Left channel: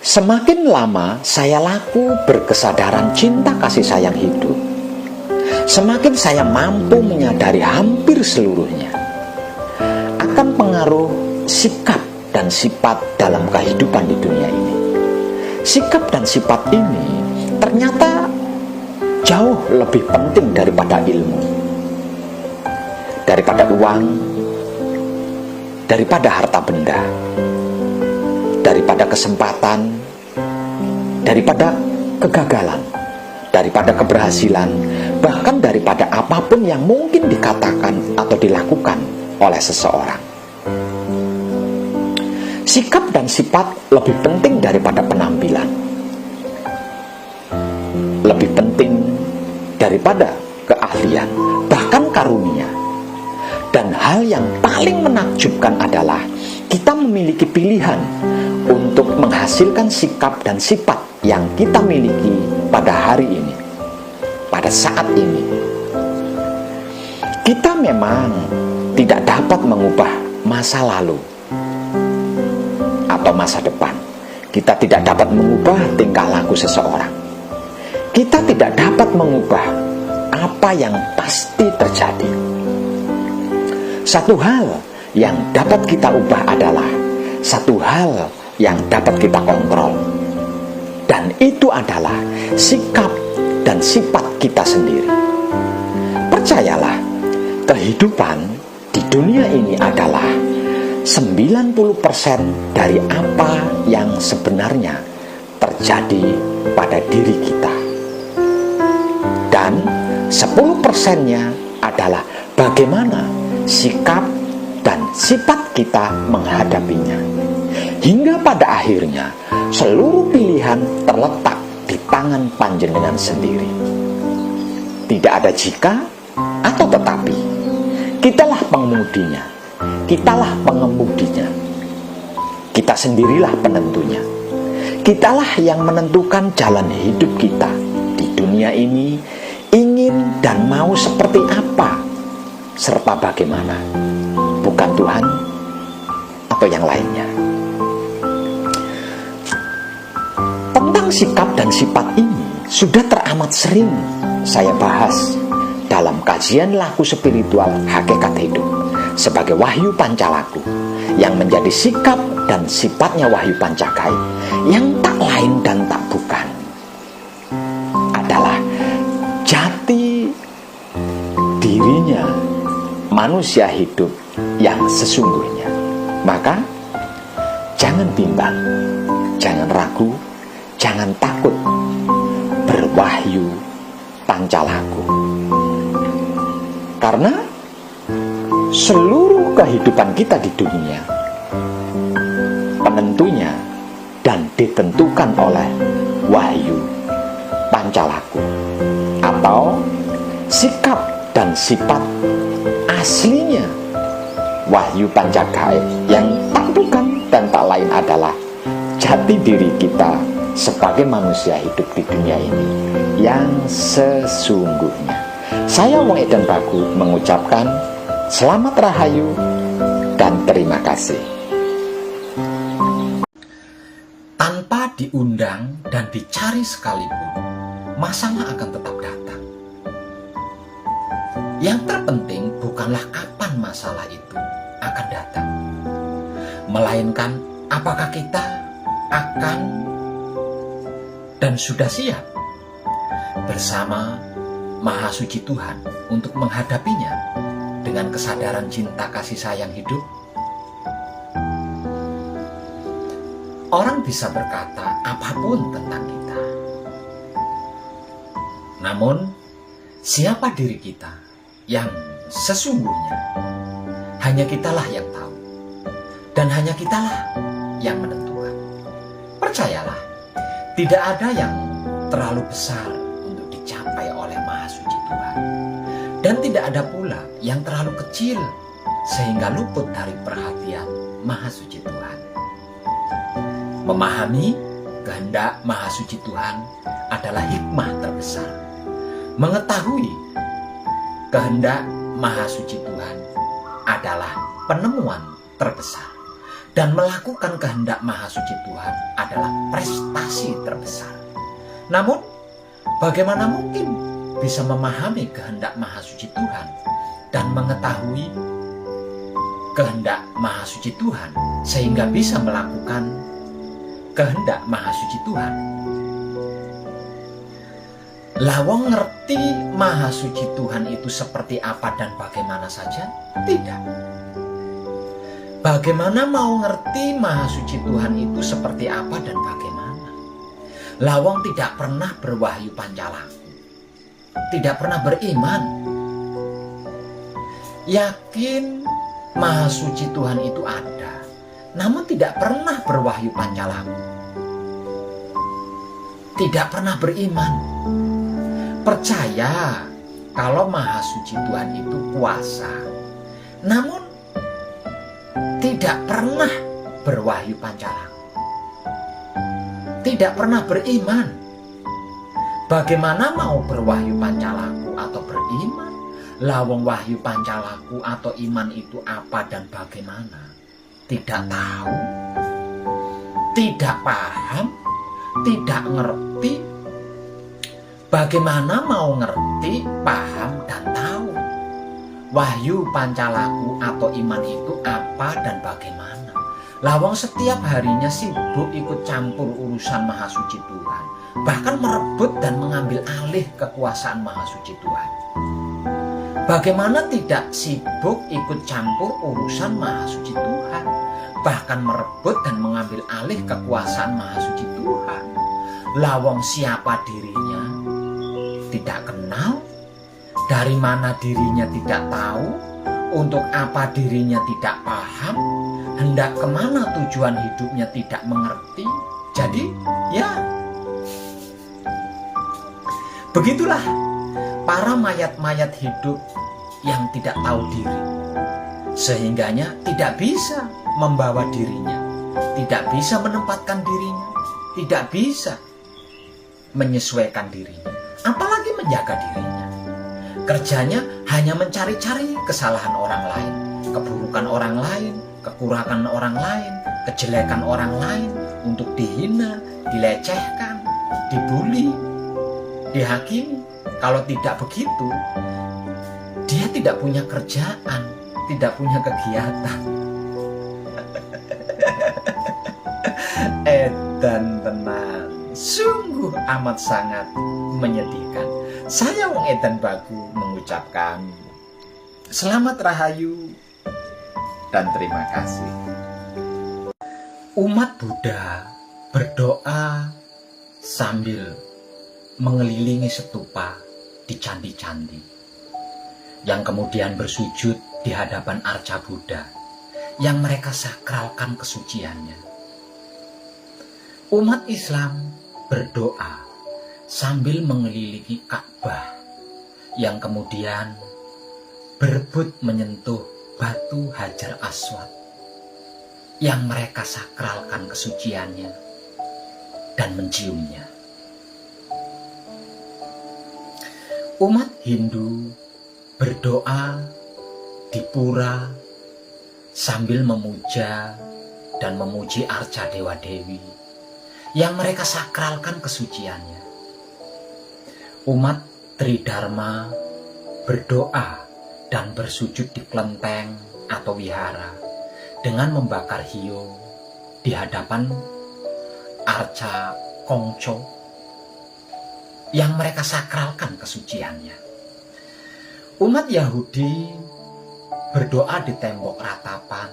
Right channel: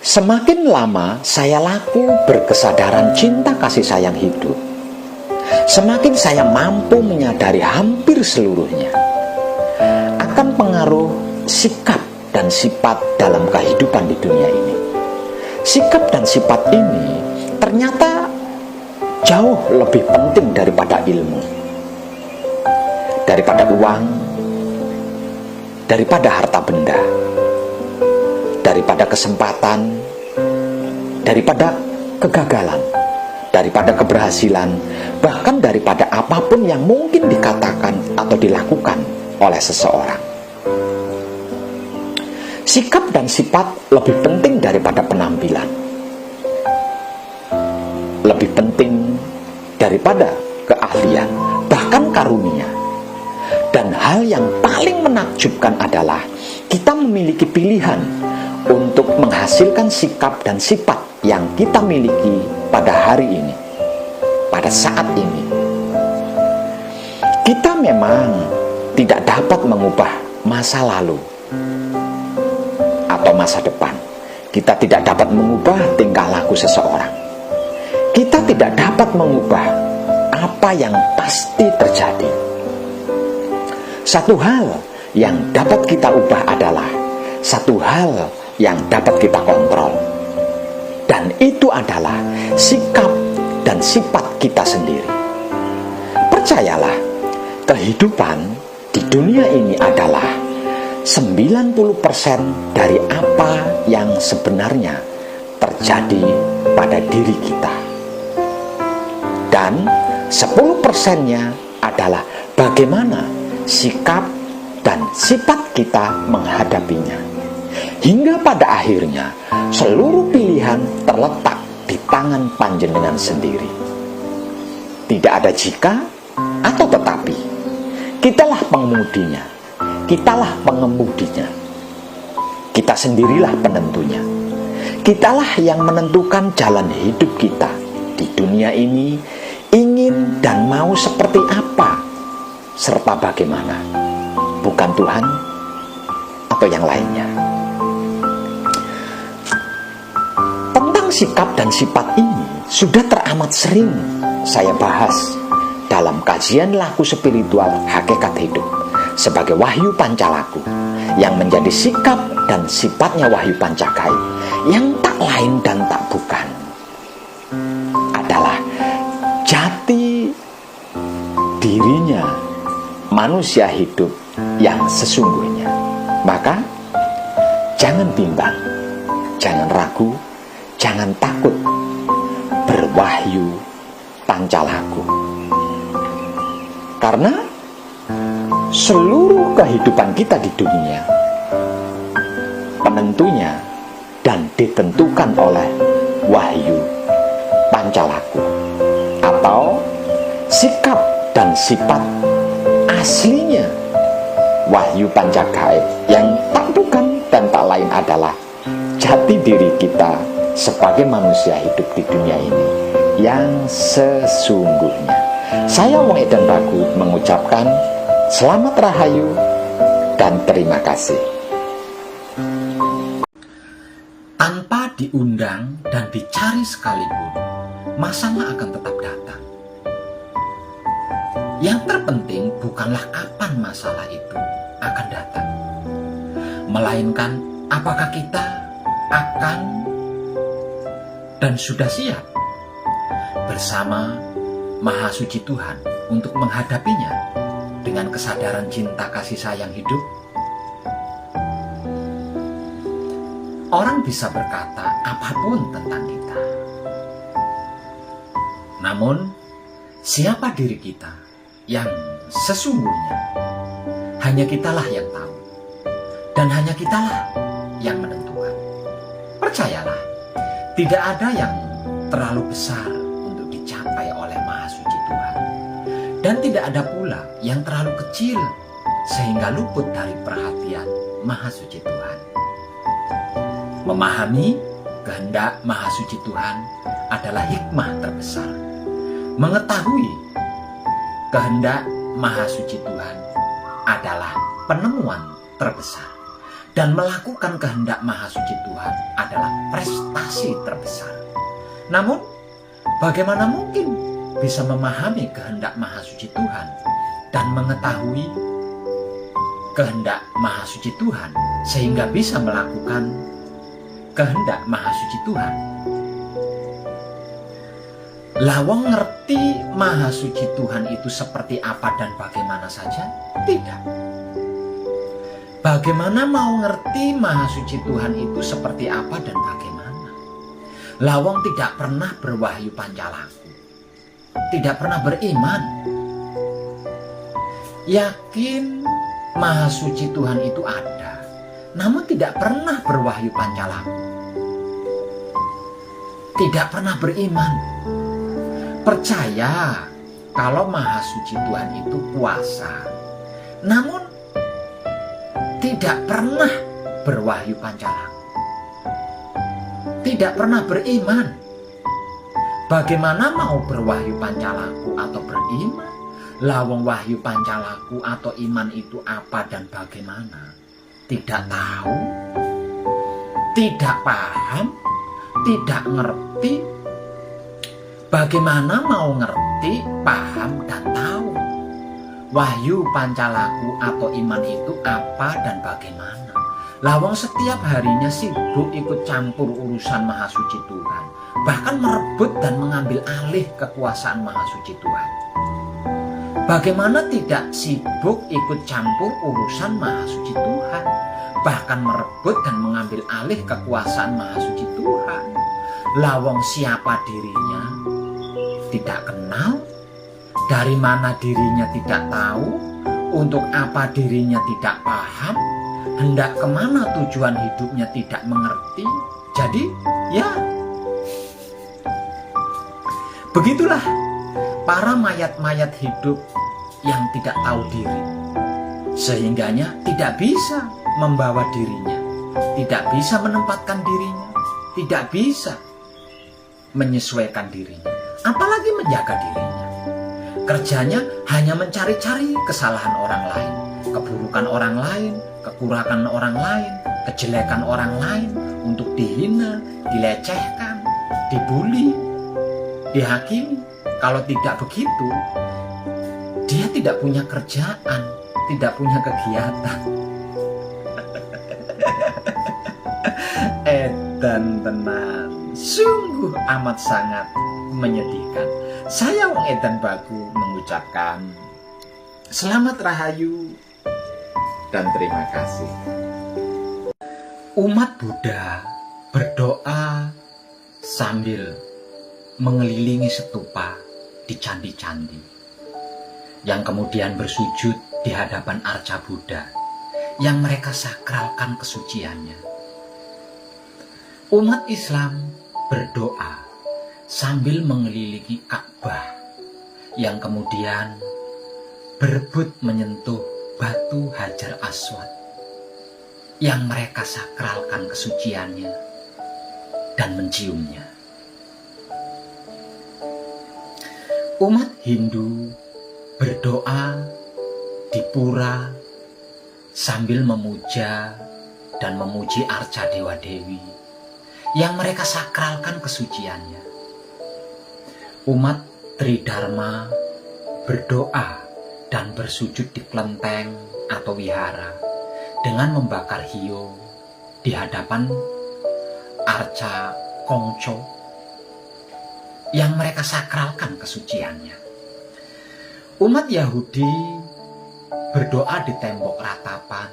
Semakin lama saya laku berkesadaran cinta kasih sayang hidup, semakin saya mampu menyadari hampir seluruhnya akan pengaruh sikap dan sifat dalam kehidupan di dunia ini. Sikap dan sifat ini ternyata jauh lebih penting daripada ilmu, daripada uang, daripada harta benda, daripada kesempatan, daripada kegagalan, daripada keberhasilan, bahkan daripada apapun yang mungkin dikatakan atau dilakukan oleh seseorang. Sikap dan sifat lebih penting daripada penampilan, lebih penting daripada keahlian, bahkan karunia. Dan hal yang paling menakjubkan adalah kita memiliki pilihan untuk menghasilkan sikap dan sifat yang kita miliki pada hari ini, pada saat ini. Kita memang tidak dapat mengubah masa lalu atau masa depan. Kita tidak dapat mengubah tingkah laku seseorang. Kita tidak dapat mengubah apa yang pasti terjadi. Satu hal yang dapat kita ubah adalah satu hal yang dapat kita kontrol, dan itu adalah sikap dan sifat kita sendiri. Percayalah, kehidupan di dunia ini adalah 90% dari apa yang sebenarnya terjadi pada diri kita, dan 10%-nya adalah bagaimana sikap dan sifat kita menghadapinya. Hingga pada akhirnya seluruh pilihan terletak di tangan panjenengan sendiri. Tidak ada jika atau tetapi. Kitalah pengemudinya, kitalah pengemudinya. Kita sendirilah penentunya. Kitalah yang menentukan jalan hidup kita di dunia ini, ingin dan mau seperti apa serta bagaimana, bukan Tuhan atau yang lainnya. Tentang sikap dan sifat ini sudah teramat sering saya bahas dalam kajian laku spiritual hakikat hidup sebagai Wahyu Pancalaku, yang menjadi sikap dan sifatnya Wahyu Pancagaib, yang tak lain dan tak bukan adalah jati dirinya manusia hidup yang sesungguhnya. Maka jangan bimbang, jangan ragu, jangan takut berwahyu Pancalaku, karena seluruh kehidupan kita di dunia penentunya dan ditentukan oleh Wahyu Pancalaku, atau sikap dan sifat aslinya Wahyu Pancagaib, yang tak bukan dan tak lain adalah jati diri kita sebagai manusia hidup di dunia ini yang sesungguhnya. Saya Wong Edan Bagu mengucapkan selamat rahayu dan terima kasih. Tanpa diundang dan dicari sekalipun, masalah akan tetap datang. Yang terpenting bukanlah kapan masalah itu akan datang, melainkan apakah kita akan dan sudah siap bersama Maha Suci Tuhan untuk menghadapinya dengan kesadaran cinta kasih sayang hidup. Orang bisa berkata apapun tentang kita, namun siapa diri kita yang sesungguhnya hanya kitalah yang tahu, dan hanya kitalah yang menentukan. Percayalah, tidak ada yang terlalu besar untuk dicapai oleh Maha Suci Tuhan, dan tidak ada pula yang terlalu kecil sehingga luput dari perhatian Maha Suci Tuhan. Memahami kehendak Maha Suci Tuhan adalah hikmah terbesar. Mengetahui kehendak Maha Suci Tuhan adalah penemuan terbesar. Dan melakukan kehendak Maha Suci Tuhan adalah prestasi terbesar. Namun, bagaimana mungkin bisa memahami kehendak Maha Suci Tuhan dan mengetahui kehendak Maha Suci Tuhan sehingga bisa melakukan kehendak Maha Suci Tuhan? Lawang ngerti Maha Suci Tuhan itu seperti apa dan bagaimana saja? Tidak. Bagaimana mau ngerti Maha Suci Tuhan itu seperti apa dan bagaimana? Lawang tidak pernah berwahyu pancalaku, tidak pernah beriman, yakin Maha Suci Tuhan itu ada, namun tidak pernah berwahyu pancalaku, tidak pernah beriman, percaya kalau Maha Suci Tuhan itu kuasa, namun tidak pernah berwahyu pancalaku, tidak pernah beriman. Bagaimana mau berwahyu pancalaku atau beriman? Lawang wahyu pancalaku atau iman itu apa dan bagaimana? Tidak tahu, tidak paham, tidak ngerti. Bagaimana mau ngerti, paham, dan tahu wahyu pancalaku atau iman itu apa dan bagaimana? Lawang setiap harinya sibuk ikut campur urusan Maha Suci Tuhan, bahkan merebut dan mengambil alih kekuasaan Maha Suci Tuhan. Bagaimana tidak sibuk ikut campur urusan Maha Suci Tuhan, bahkan merebut dan mengambil alih kekuasaan Maha Suci Tuhan? Lawang siapa dirinya tidak kenal, dari mana dirinya tidak tahu, untuk apa dirinya tidak paham, hendak kemana tujuan hidupnya tidak mengerti. Jadi ya begitulah para mayat-mayat hidup yang tidak tahu diri, sehingganya tidak bisa membawa dirinya, tidak bisa menempatkan dirinya, tidak bisa menyesuaikan dirinya, apalagi menjaga dirinya. Kerjanya hanya mencari-cari kesalahan orang lain, keburukan orang lain, kekurangan orang lain, kejelekan orang lain untuk dihina, dilecehkan, dibully, dihakimi. Kalau tidak begitu, dia tidak punya kerjaan, tidak punya kegiatan. Edan tenan, sungguh amat sangat menyedihkan. Saya Wong Edan Bagu mengucapkan selamat rahayu dan terima kasih. Umat Buddha berdoa sambil mengelilingi stupa di candi-candi, yang kemudian bersujud di hadapan arca Buddha yang mereka sakralkan kesuciannya. Umat Islam berdoa sambil mengelilingi Ka'bah yang kemudian berebut menyentuh batu Hajar Aswad yang mereka sakralkan kesuciannya dan menciumnya. Umat Hindu berdoa di pura sambil memuja dan memuji arca dewa-dewi yang mereka sakralkan kesuciannya. Umat Tridharma berdoa dan bersujud di kelenteng atau wihara dengan membakar hiyo di hadapan arca Kongco yang mereka sakralkan kesuciannya. Umat Yahudi berdoa di tembok ratapan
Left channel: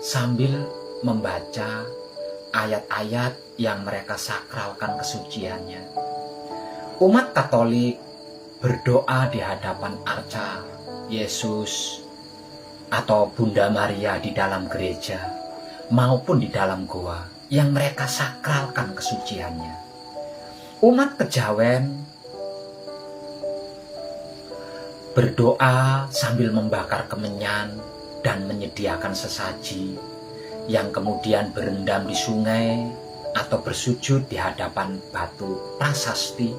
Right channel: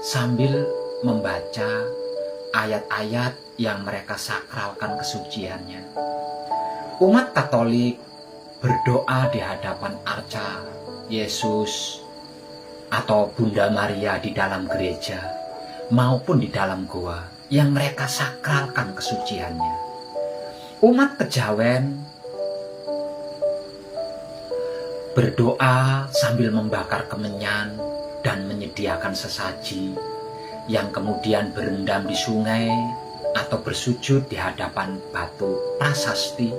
sambil membaca ayat-ayat yang mereka sakralkan kesuciannya. Umat Katolik berdoa di hadapan arca Yesus atau Bunda Maria di dalam gereja maupun di dalam goa yang mereka sakralkan kesuciannya. Umat Kejawen berdoa sambil membakar kemenyan dan menyediakan sesaji yang kemudian berendam di sungai atau bersujud di hadapan batu prasasti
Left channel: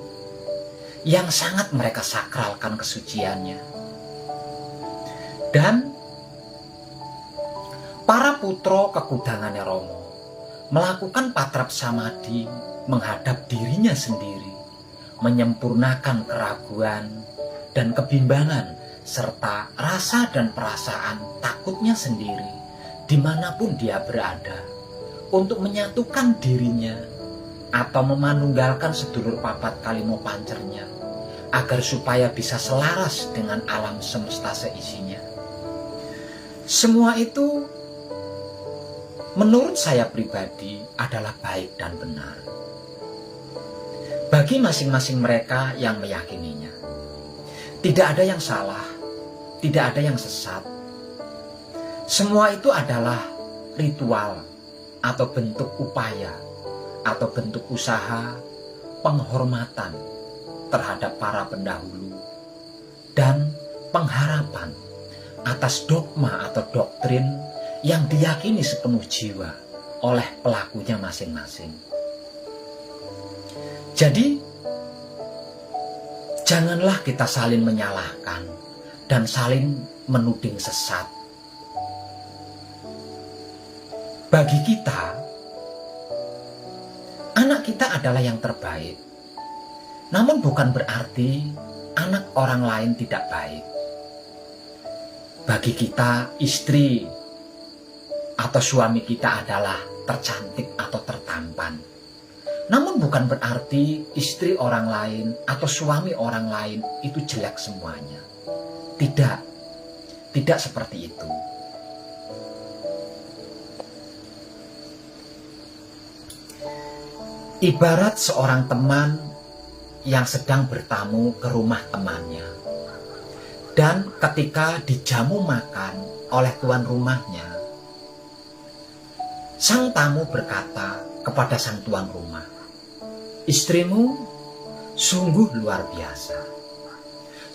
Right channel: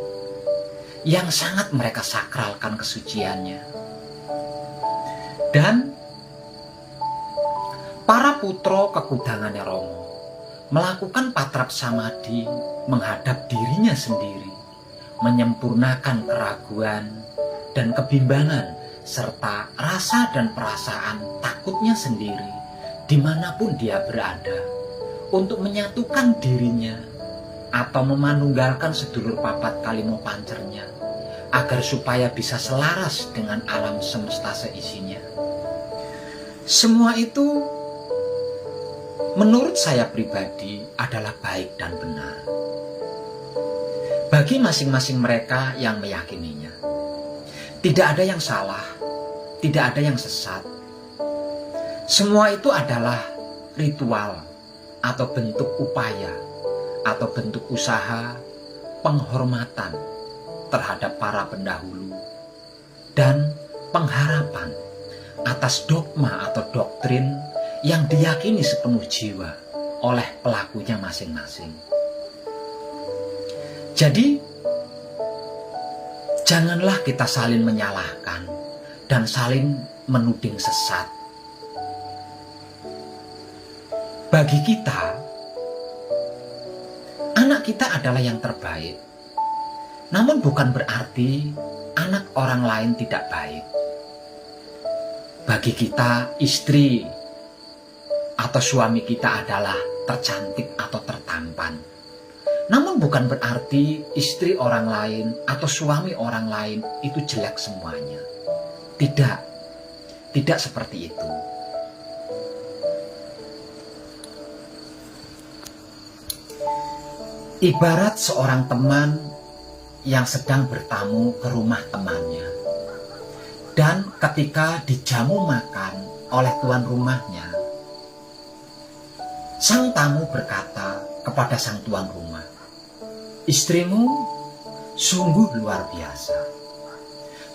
yang sangat mereka sakralkan kesuciannya. Dan para putra kekudangane Rama melakukan patrap samadi menghadap dirinya sendiri, menyempurnakan keraguan dan kebimbangan serta rasa dan perasaan takutnya sendiri dimanapun dia berada, untuk menyatukan dirinya atau memanunggalkan sedulur papat kalimo pancernya agar supaya bisa selaras dengan alam semesta seisinya. Semua itu menurut saya pribadi adalah baik dan benar bagi masing-masing mereka yang meyakininya. Tidak ada yang salah, tidak ada yang sesat. Semua itu adalah ritual atau bentuk upaya atau bentuk usaha penghormatan terhadap para pendahulu dan pengharapan atas dogma atau doktrin yang diyakini sepenuh jiwa oleh pelakunya masing-masing. Jadi, janganlah kita saling menyalahkan dan saling menuding sesat. Bagi kita, anak kita adalah yang terbaik. Namun bukan berarti anak orang lain tidak baik. Bagi kita, istri atau suami kita adalah tercantik atau tertampan. Namun bukan berarti istri orang lain atau suami orang lain itu jelek semuanya. Tidak, tidak seperti itu. Ibarat seorang teman yang sedang bertamu ke rumah temannya, dan ketika dijamu makan oleh tuan rumahnya, sang tamu berkata kepada sang tuan rumah, "Istrimu sungguh luar biasa.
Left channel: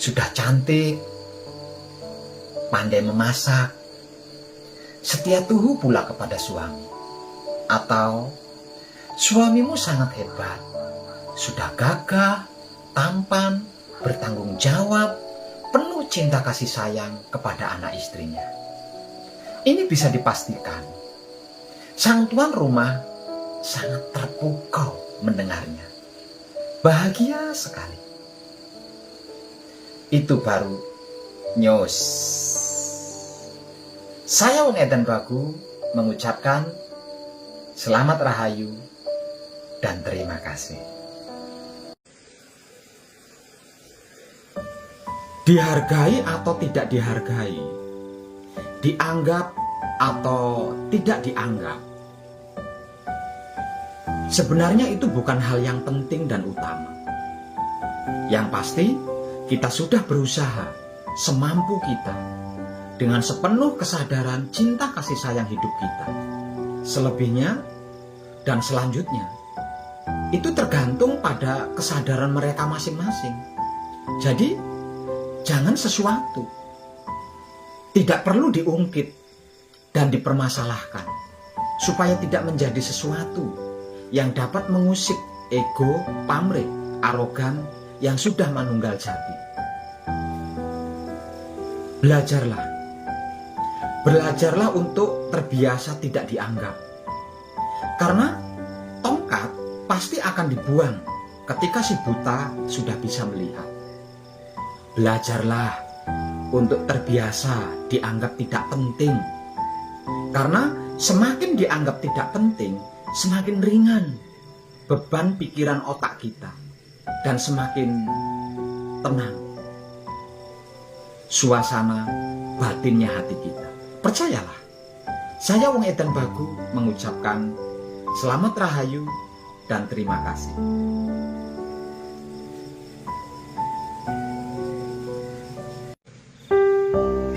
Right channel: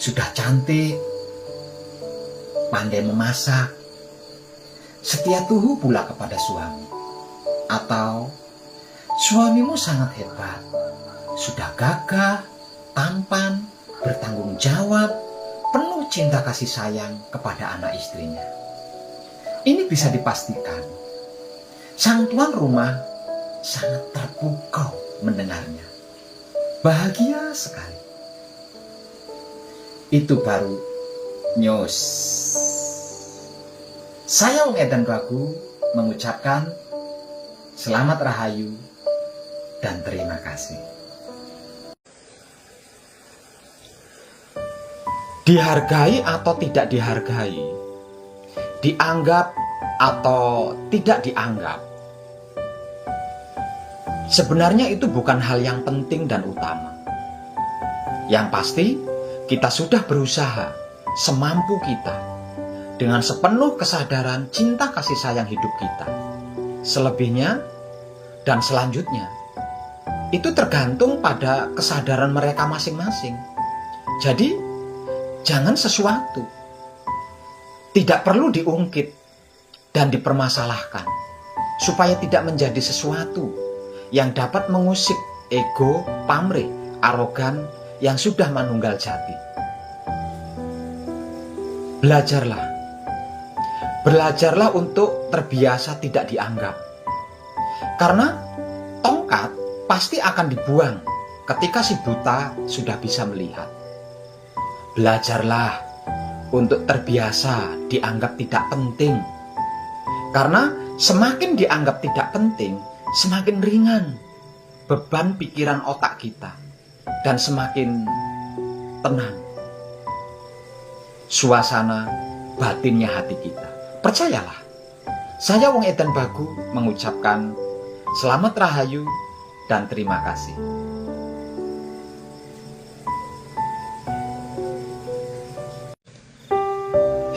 Sudah cantik, pandai memasak, setia tuhu pula kepada suami." Atau, "Suamimu sangat hebat, sudah gagah, tampan, bertanggung jawab, penuh cinta kasih sayang kepada anak istrinya." Ini bisa dipastikan sang tuan rumah sangat terpukau mendengarnya. Bahagia sekali. Itu baru news. Saya Wong Edan Bagu mengucapkan selamat rahayu dan terima kasih. Dihargai atau tidak dihargai, dianggap atau tidak dianggap, sebenarnya itu bukan hal yang penting dan utama. Yang pasti, kita sudah berusaha semampu kita dengan sepenuh kesadaran cinta kasih sayang hidup kita. Selebihnya dan selanjutnya, itu tergantung pada kesadaran mereka masing-masing. Jadi, jangan sesuatu tidak perlu diungkit dan dipermasalahkan, supaya tidak menjadi sesuatu yang dapat mengusik ego, pamrih, arogan yang sudah manunggal jati. Belajarlah untuk terbiasa tidak dianggap. Karena tongkat pasti akan dibuang ketika si buta sudah bisa melihat. Belajarlah untuk terbiasa dianggap tidak penting. Karena semakin dianggap tidak penting, semakin ringan beban pikiran otak kita dan semakin tenang suasana batinnya hati kita. Percayalah, saya Wong Edan Bagu mengucapkan selamat rahayu dan terima kasih.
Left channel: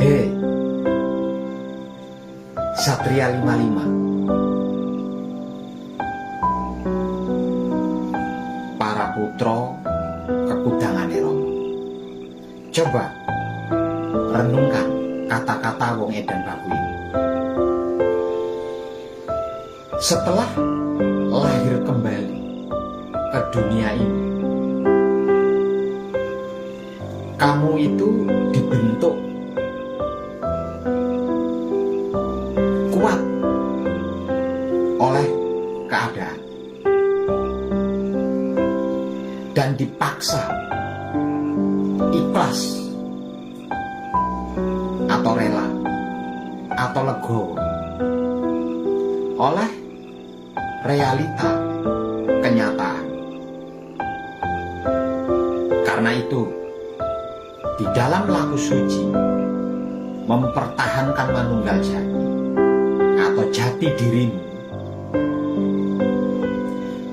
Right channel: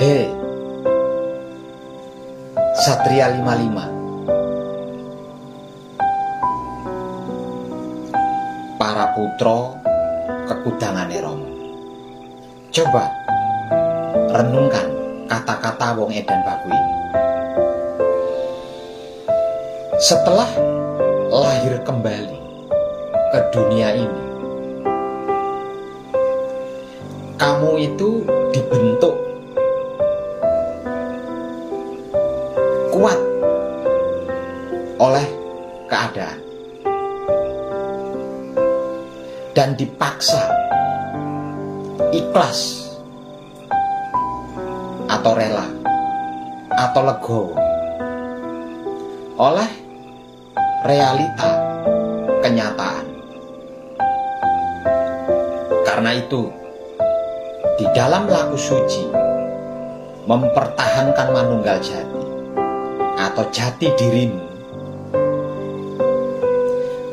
Hei, Satria 55, para putra kekudangane Rama. Coba renungkan kata-kata Wong Edan Bagu ini. Setelah lahir kembali ke dunia ini, kamu itu dibentuk kuat oleh keadaan dan dipaksa ikhlas atau rela atau legowo oleh realita kenyataan. Karena itu, di dalam laku suci mempertahankan manunggal jati atau jati dirimu,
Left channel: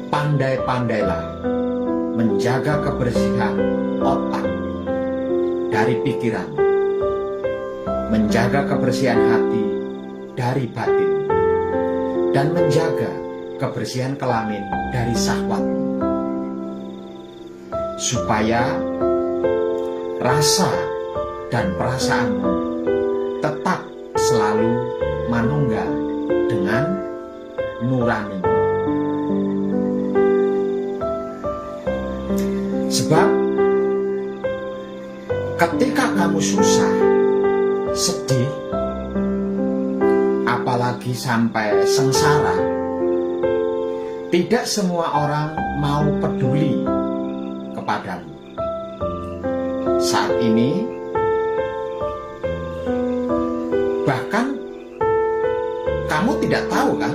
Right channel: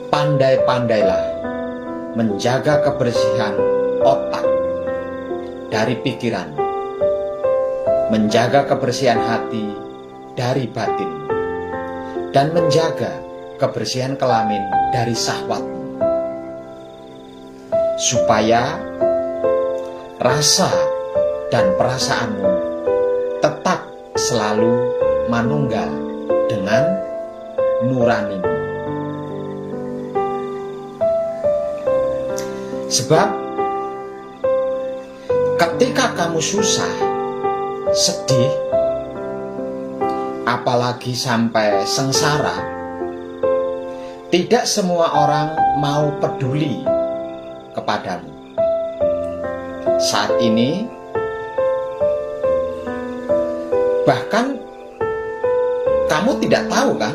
pandai-pandailah menjaga kebersihan otak dari pikiran, menjaga kebersihan hati dari batin, dan menjaga kebersihan kelamin dari syahwatmu, supaya rasa dan perasaanmu tetap selalu manunggal dengan nurani. Sebab ketika kamu susah, sedih, apalagi sampai sengsara, tidak semua orang mau peduli kepadamu. Saat ini, bahkan kamu tidak tahu kan,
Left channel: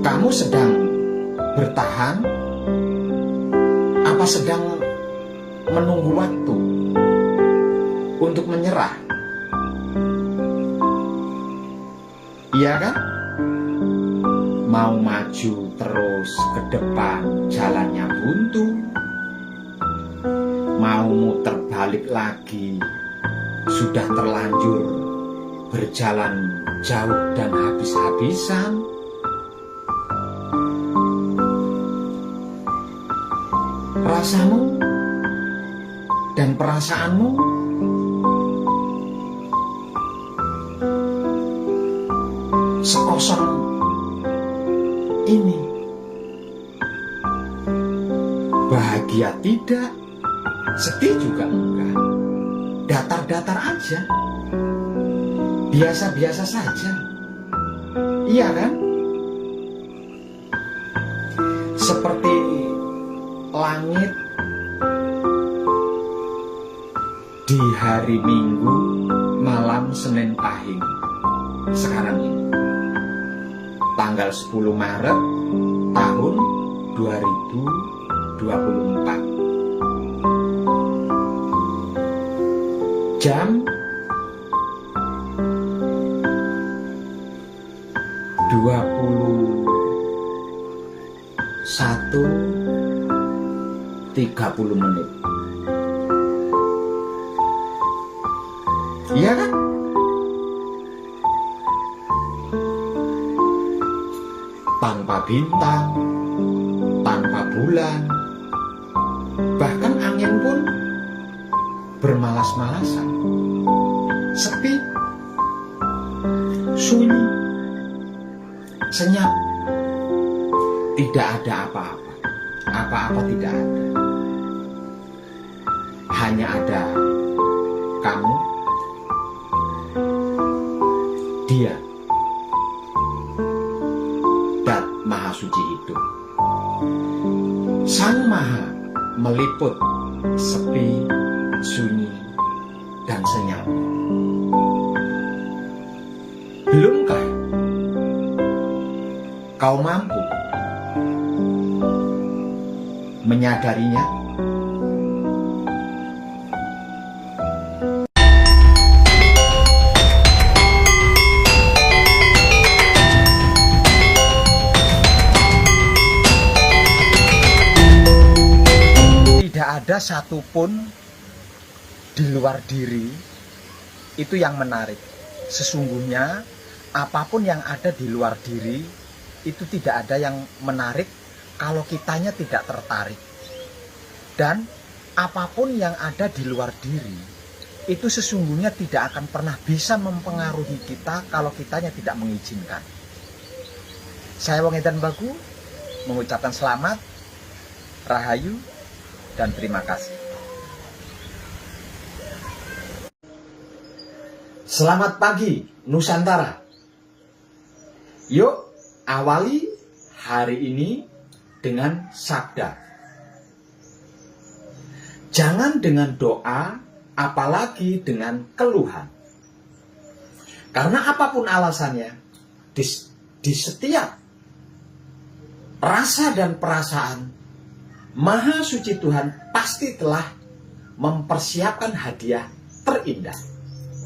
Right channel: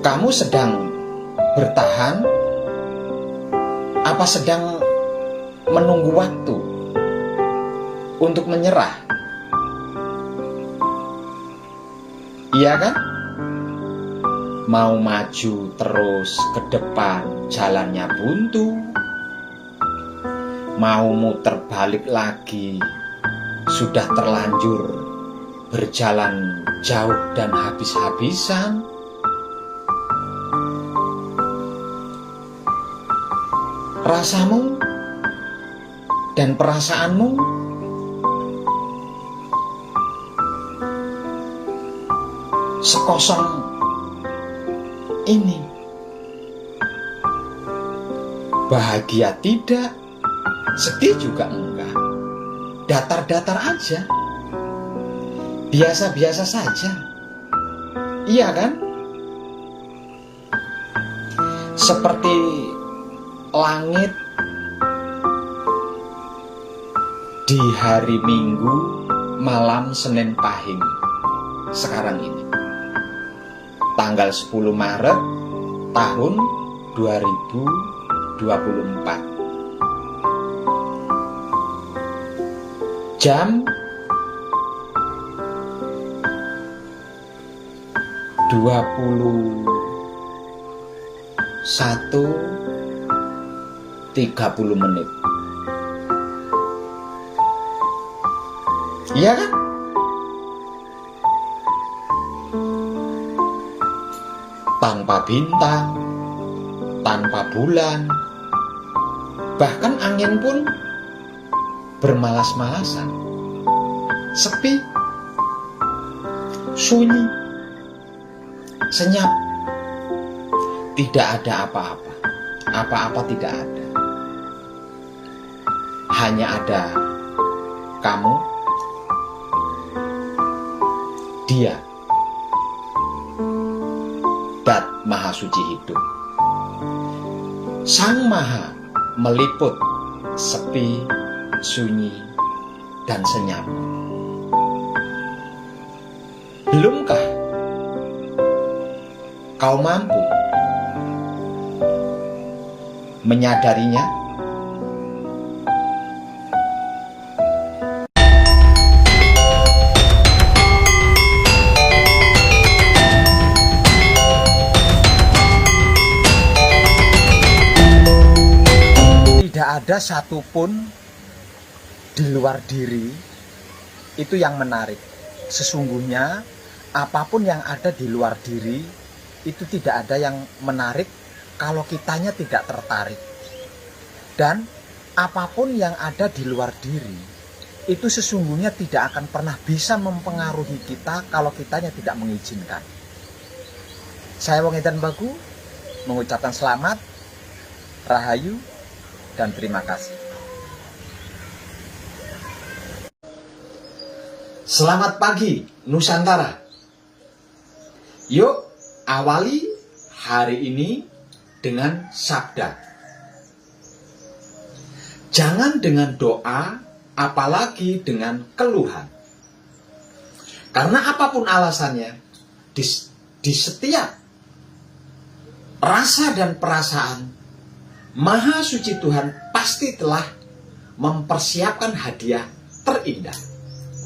kamu sedang bertahan apa sedang menunggu waktu untuk menyerah. Iya kan? Mau maju terus ke depan jalannya buntu, mau muter balik lagi sudah terlanjur berjalan jauh dan habis-habisan. Rasamu dan perasaanmu sekosong ini. Bahagia tidak, sedih juga enggak, datar-datar aja, biasa-biasa saja. Iya kan? Seperti langit di hari Minggu malam Senin Pahing sekarang ini, tanggal 10 Maret tahun 2024, jam 21:30. Iya kan? Tanpa bintang, tanpa bulan, bahkan angin pun bermalas-malasan, sepi, sunyi, senyap, tidak ada apa-apa, apa-apa tidak ada, hanya ada kamu, dia, Dat Maha Suci hidup. Sang Maha meliput sepi, sunyi, dan senyap. Belumkah kau mampu menyadarinya? Tidak ada satupun di luar diri itu yang menarik. Sesungguhnya apapun yang ada di luar diri itu tidak ada yang menarik kalau kitanya tidak tertarik. Dan apapun yang ada di luar diri itu sesungguhnya tidak akan pernah bisa mempengaruhi kita kalau kitanya tidak mengizinkan. Saya Wong Edan Bagu mengucapkan selamat, rahayu, dan terima kasih. Selamat pagi Nusantara. Yuk awali hari ini dengan sabda. Jangan dengan doa, apalagi dengan keluhan. Karena apapun alasannya, di setiap rasa dan perasaan, Maha Suci Tuhan pasti telah mempersiapkan hadiah terindah.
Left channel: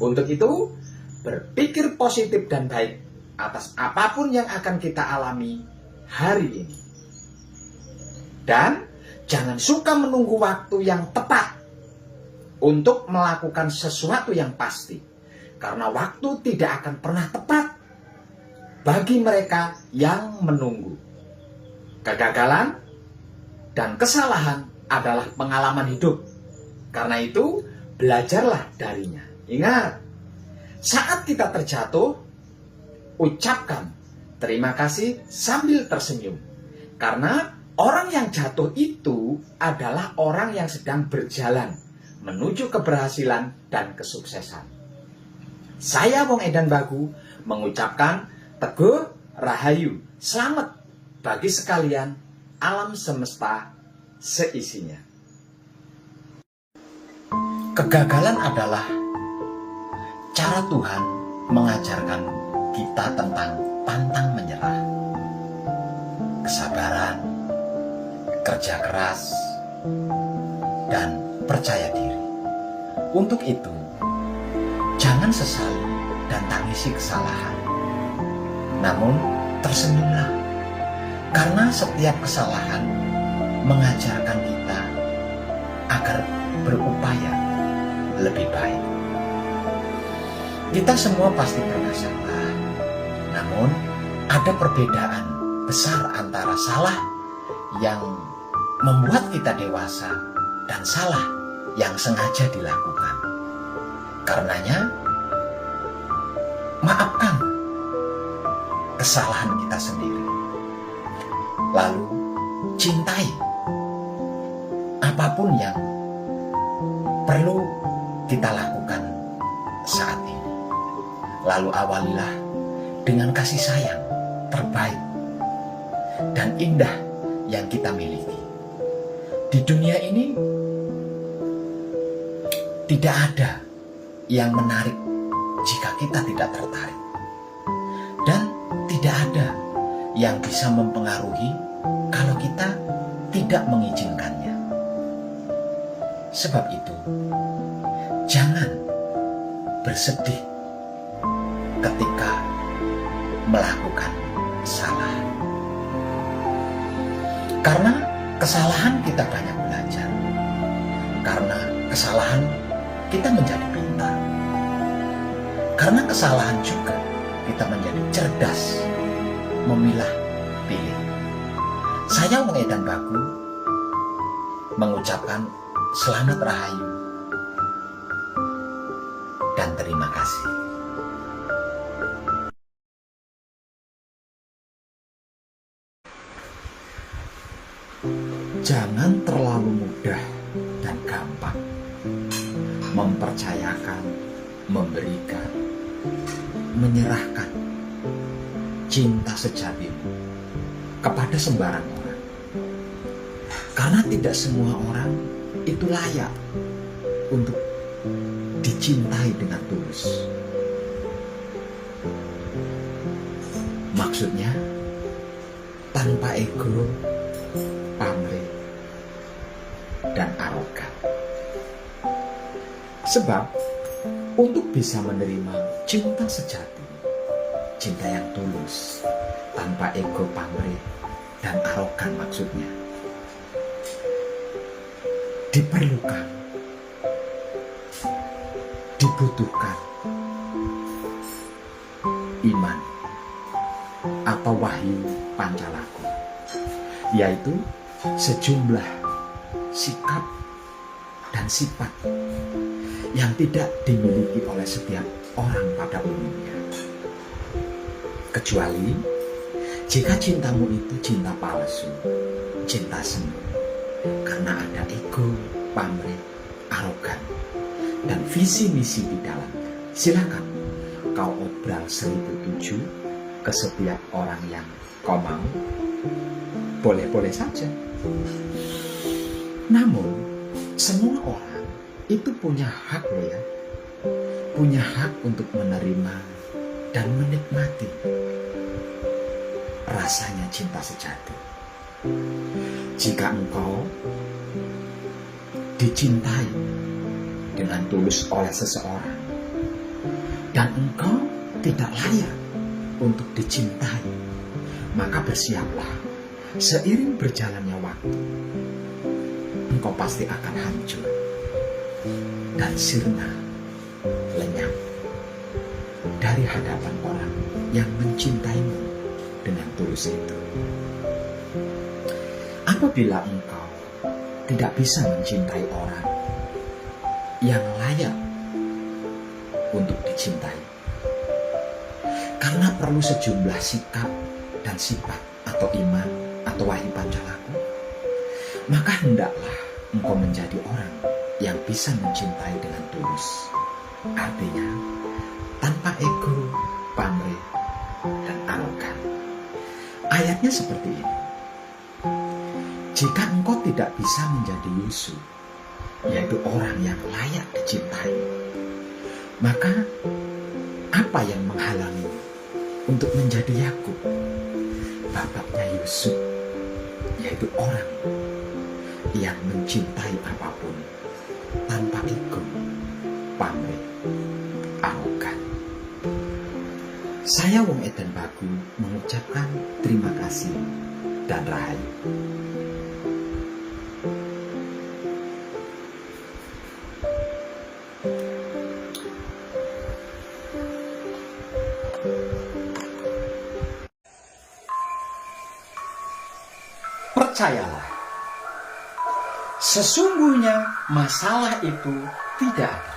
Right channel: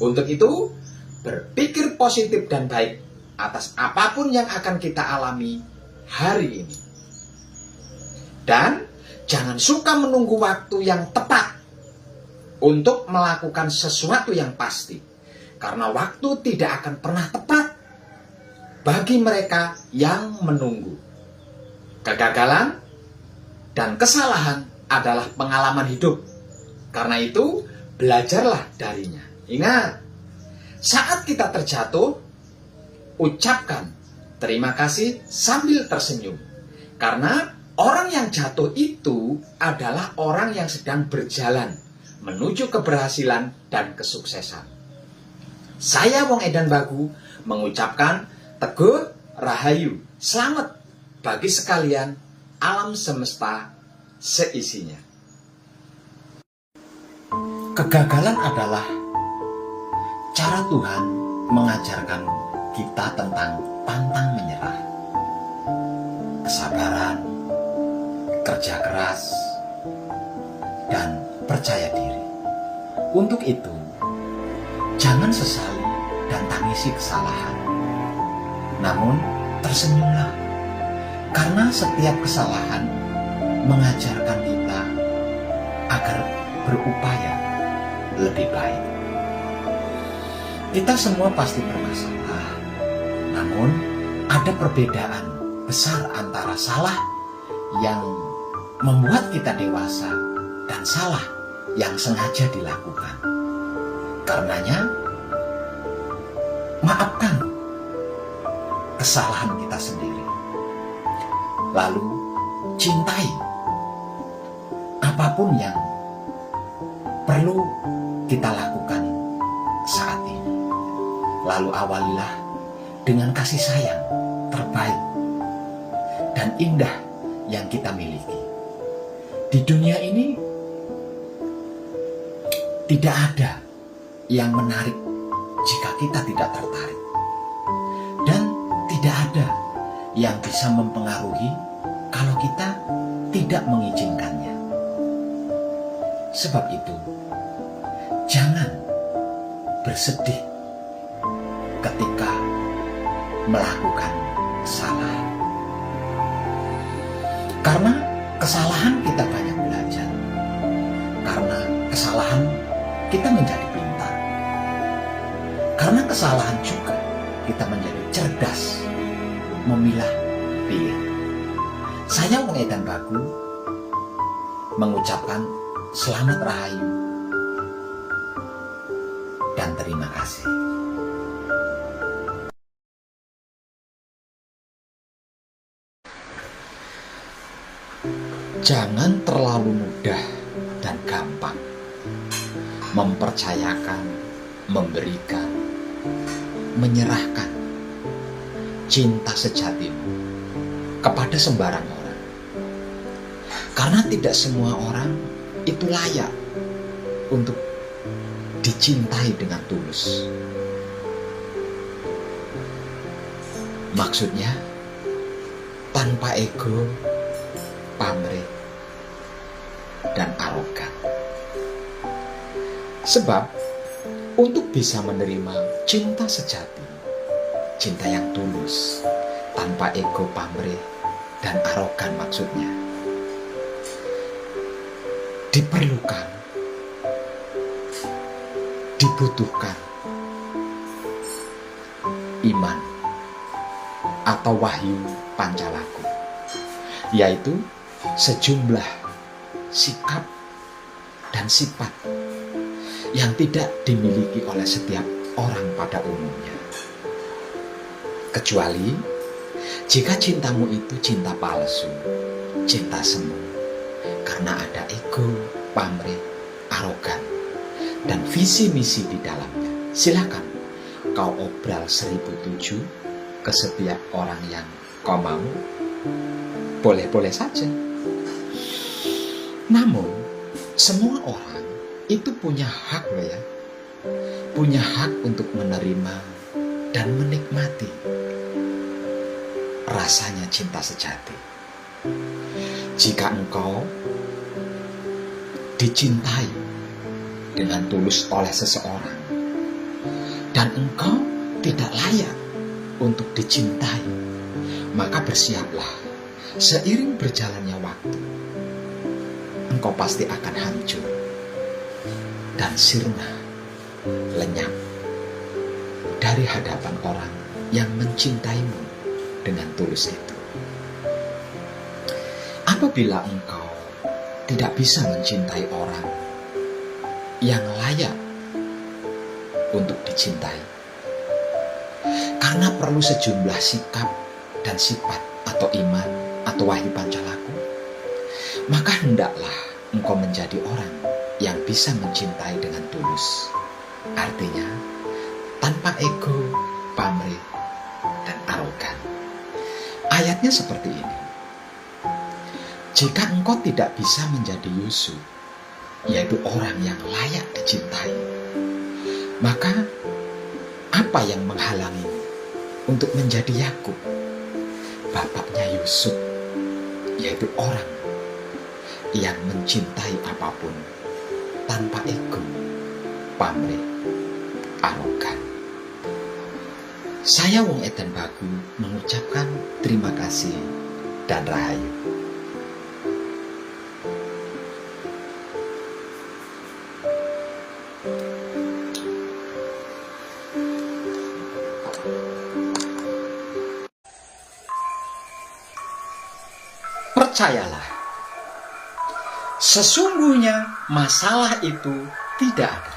Untuk itu, berpikir positif dan baik atas apapun yang akan kita alami hari ini. Dan jangan suka menunggu waktu yang tepat untuk melakukan sesuatu yang pasti. Karena waktu tidak akan pernah tepat bagi mereka yang menunggu. Kegagalan dan kesalahan adalah pengalaman hidup. Karena itu, belajarlah darinya. Ingat, saat kita terjatuh, ucapkan terima kasih sambil tersenyum. Karena orang yang jatuh itu adalah orang yang sedang berjalan menuju keberhasilan dan kesuksesan. Saya Wong Edan Bagu mengucapkan teguh rahayu, selamat bagi sekalian alam semesta seisinya. Kegagalan adalah cara Tuhan mengajarkan kita tentang pantang menyerah, kesabaran, kerja keras, dan percaya diri. Untuk itu, jangan sesali dan tangisi kesalahan. Namun, tersenyumlah, karena setiap kesalahan mengajarkan kita agar berupaya lebih baik. Kita semua pasti bermasalah, namun ada perbedaan besar antara salah yang membuat kita dewasa dan salah yang sengaja dilakukan. Karenanya, maafkan kesalahan kita sendiri. Lalu, cintai apapun yang perlu kita lakukan saat ini. Lalu awalilah dengan kasih sayang terbaik dan indah yang kita miliki. Di dunia ini tidak ada yang menarik jika kita tidak tertarik. Dan tidak ada yang bisa mempengaruhi kalau kita tidak mengizinkannya. Sebab itu, jangan bersedih ketika melakukan salah. Karena kesalahan kita banyak belajar. Karena kesalahan kita menjadi pintar. Karena kesalahan juga kita menjadi cerdas memilah pilih. Saya Wong Edan Bagu mengucapkan selamat rahayu dan terima kasih. Jangan terlalu mudah dan gampang mempercayakan, memberikan, menyerahkan cinta sejatimu kepada sembarang orang. Karena tidak semua orang itu layak untuk dicintai dengan tulus. Maksudnya, tanpa ego, pamrih, dan arogan. Sebab, untuk bisa menerima cinta sejati, cinta yang tulus, tanpa ego, pamrih, dan arogan maksudnya, dibutuhkan iman atau wahyu pancalaku, yaitu sejumlah sikap dan sifat yang tidak dimiliki oleh setiap orang pada umumnya. Kecuali jika cintamu itu cinta palsu, cinta semu, karena ada ego, pamrih, arogan, dan visi misi di dalamnya. Silakan kau obral 1007 ke setiap orang yang kau mau, boleh-boleh saja. Namun, semua orang itu punya hak loh ya. Punya hak untuk menerima dan menikmati rasanya cinta sejati. Jika engkau dicintai dengan tulus oleh seseorang dan engkau tidak layak untuk dicintai, maka bersiaplah, seiring berjalannya waktu engkau pasti akan hancur dan sirna, lenyap dari hadapan orang yang mencintaimu dengan tulus itu. Apabila engkau tidak bisa mencintai orang yang layak untuk dicintai, karena perlu sejumlah sikap dan sifat atau iman atau wahyu pancalaku, maka hendaklah engkau menjadi orang yang bisa mencintai dengan tulus. Artinya, tanpa ego, pamrih, dan arogan. Ayatnya seperti ini. Jika engkau tidak bisa menjadi Yusuf, yaitu orang yang layak dicintai, maka apa yang menghalangimu untuk menjadi Yakub, bapaknya Yusuf, yaitu orang yang mencintai apapun tanpa ego, pamrih, arogan. Saya Wong Edan Bagu mengucapkan terima kasih dan rahayu. Percayalah, sesungguhnya masalah itu tidak ada.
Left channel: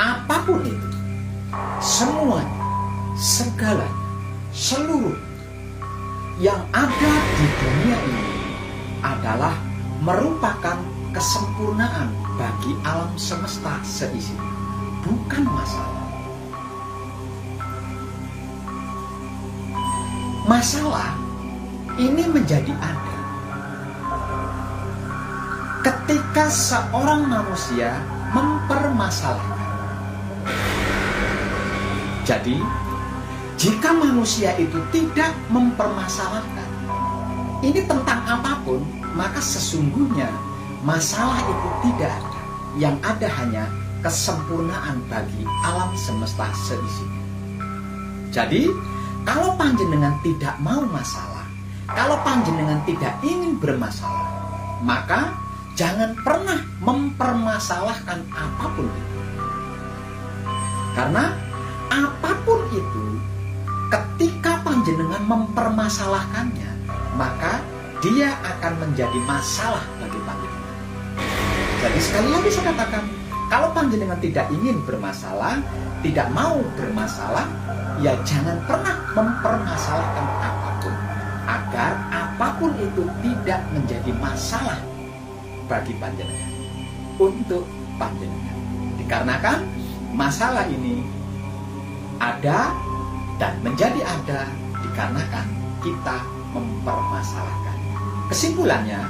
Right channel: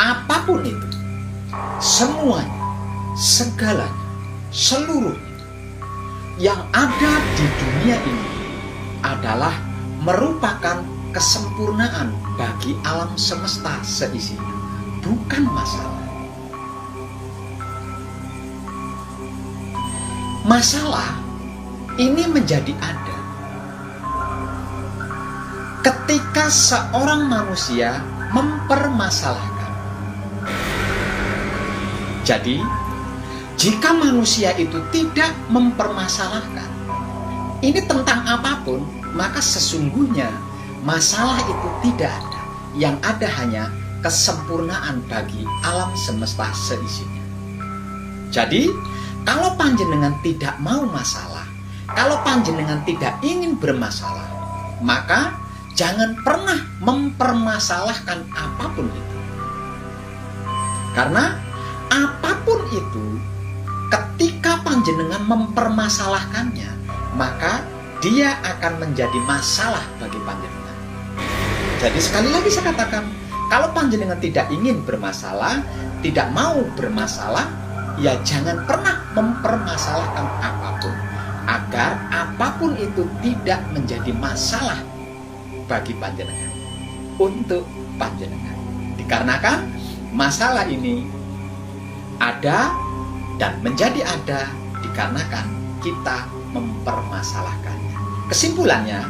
Apapun itu, semuanya, segalanya, seluruhnya yang ada di dunia ini adalah merupakan kesempurnaan bagi alam semesta seisinya, bukan masalah. Masalah ini menjadi ada ketika seorang manusia mempermasalahkan. Jadi, jika manusia itu tidak mempermasalahkan, ini tentang apapun, maka sesungguhnya masalah itu tidak ada. Yang ada hanya kesempurnaan bagi alam semesta seisinya. Jadi, kalau panjenengan tidak mau masalah, kalau panjenengan tidak ingin bermasalah, maka jangan pernah mempermasalahkan apapun itu. Karena apapun itu, ketika panjenengan mempermasalahkannya, maka dia akan menjadi masalah bagi panjenengan. Jadi sekali lagi saya katakan, kalau panjenengan tidak ingin bermasalah, tidak mau bermasalah, ya jangan pernah mempermasalahkan apapun, agar apapun itu tidak menjadi masalah bagi panjenengan, untuk panjenengan. Dikarenakan masalah ini ada dan menjadi ada dikarenakan kita mempermasalahkannya. Kesimpulannya,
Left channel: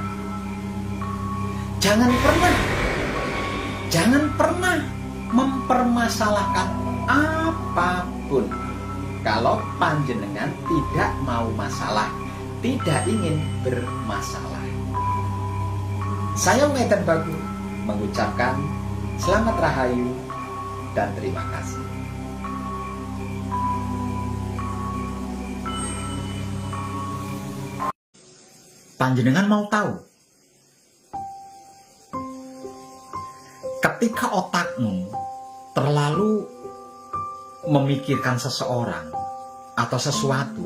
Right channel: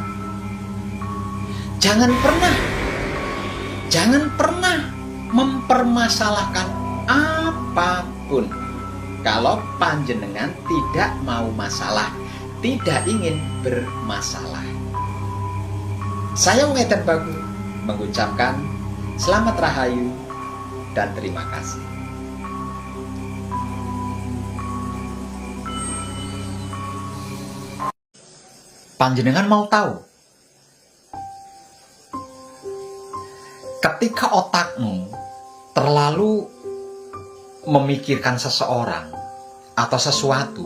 jangan pernah mempermasalahkan apapun kalau panjenengan tidak mau masalah, tidak ingin bermasalah. Saya Wong Edan Bagu mengucapkan selamat rahayu dan terima kasih. Panjenengan mau tahu, ketika otakmu terlalu memikirkan seseorang atau sesuatu,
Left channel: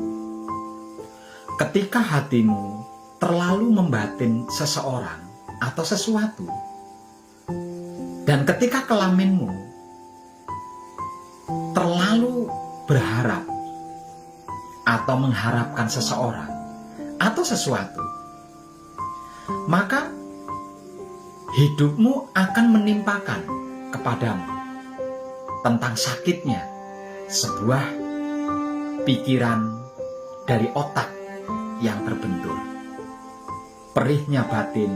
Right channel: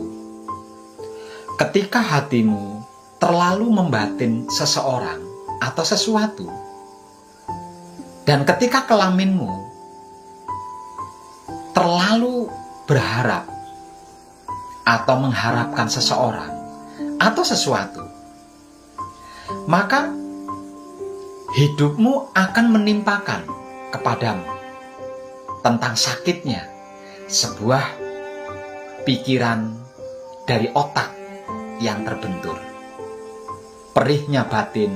ketika hatimu terlalu membatin seseorang atau sesuatu, dan ketika kelaminmu terlalu berharap atau mengharapkan seseorang atau sesuatu, maka hidupmu akan menimpakan kepadamu tentang sakitnya sebuah pikiran dari otak yang terbentur, perihnya batin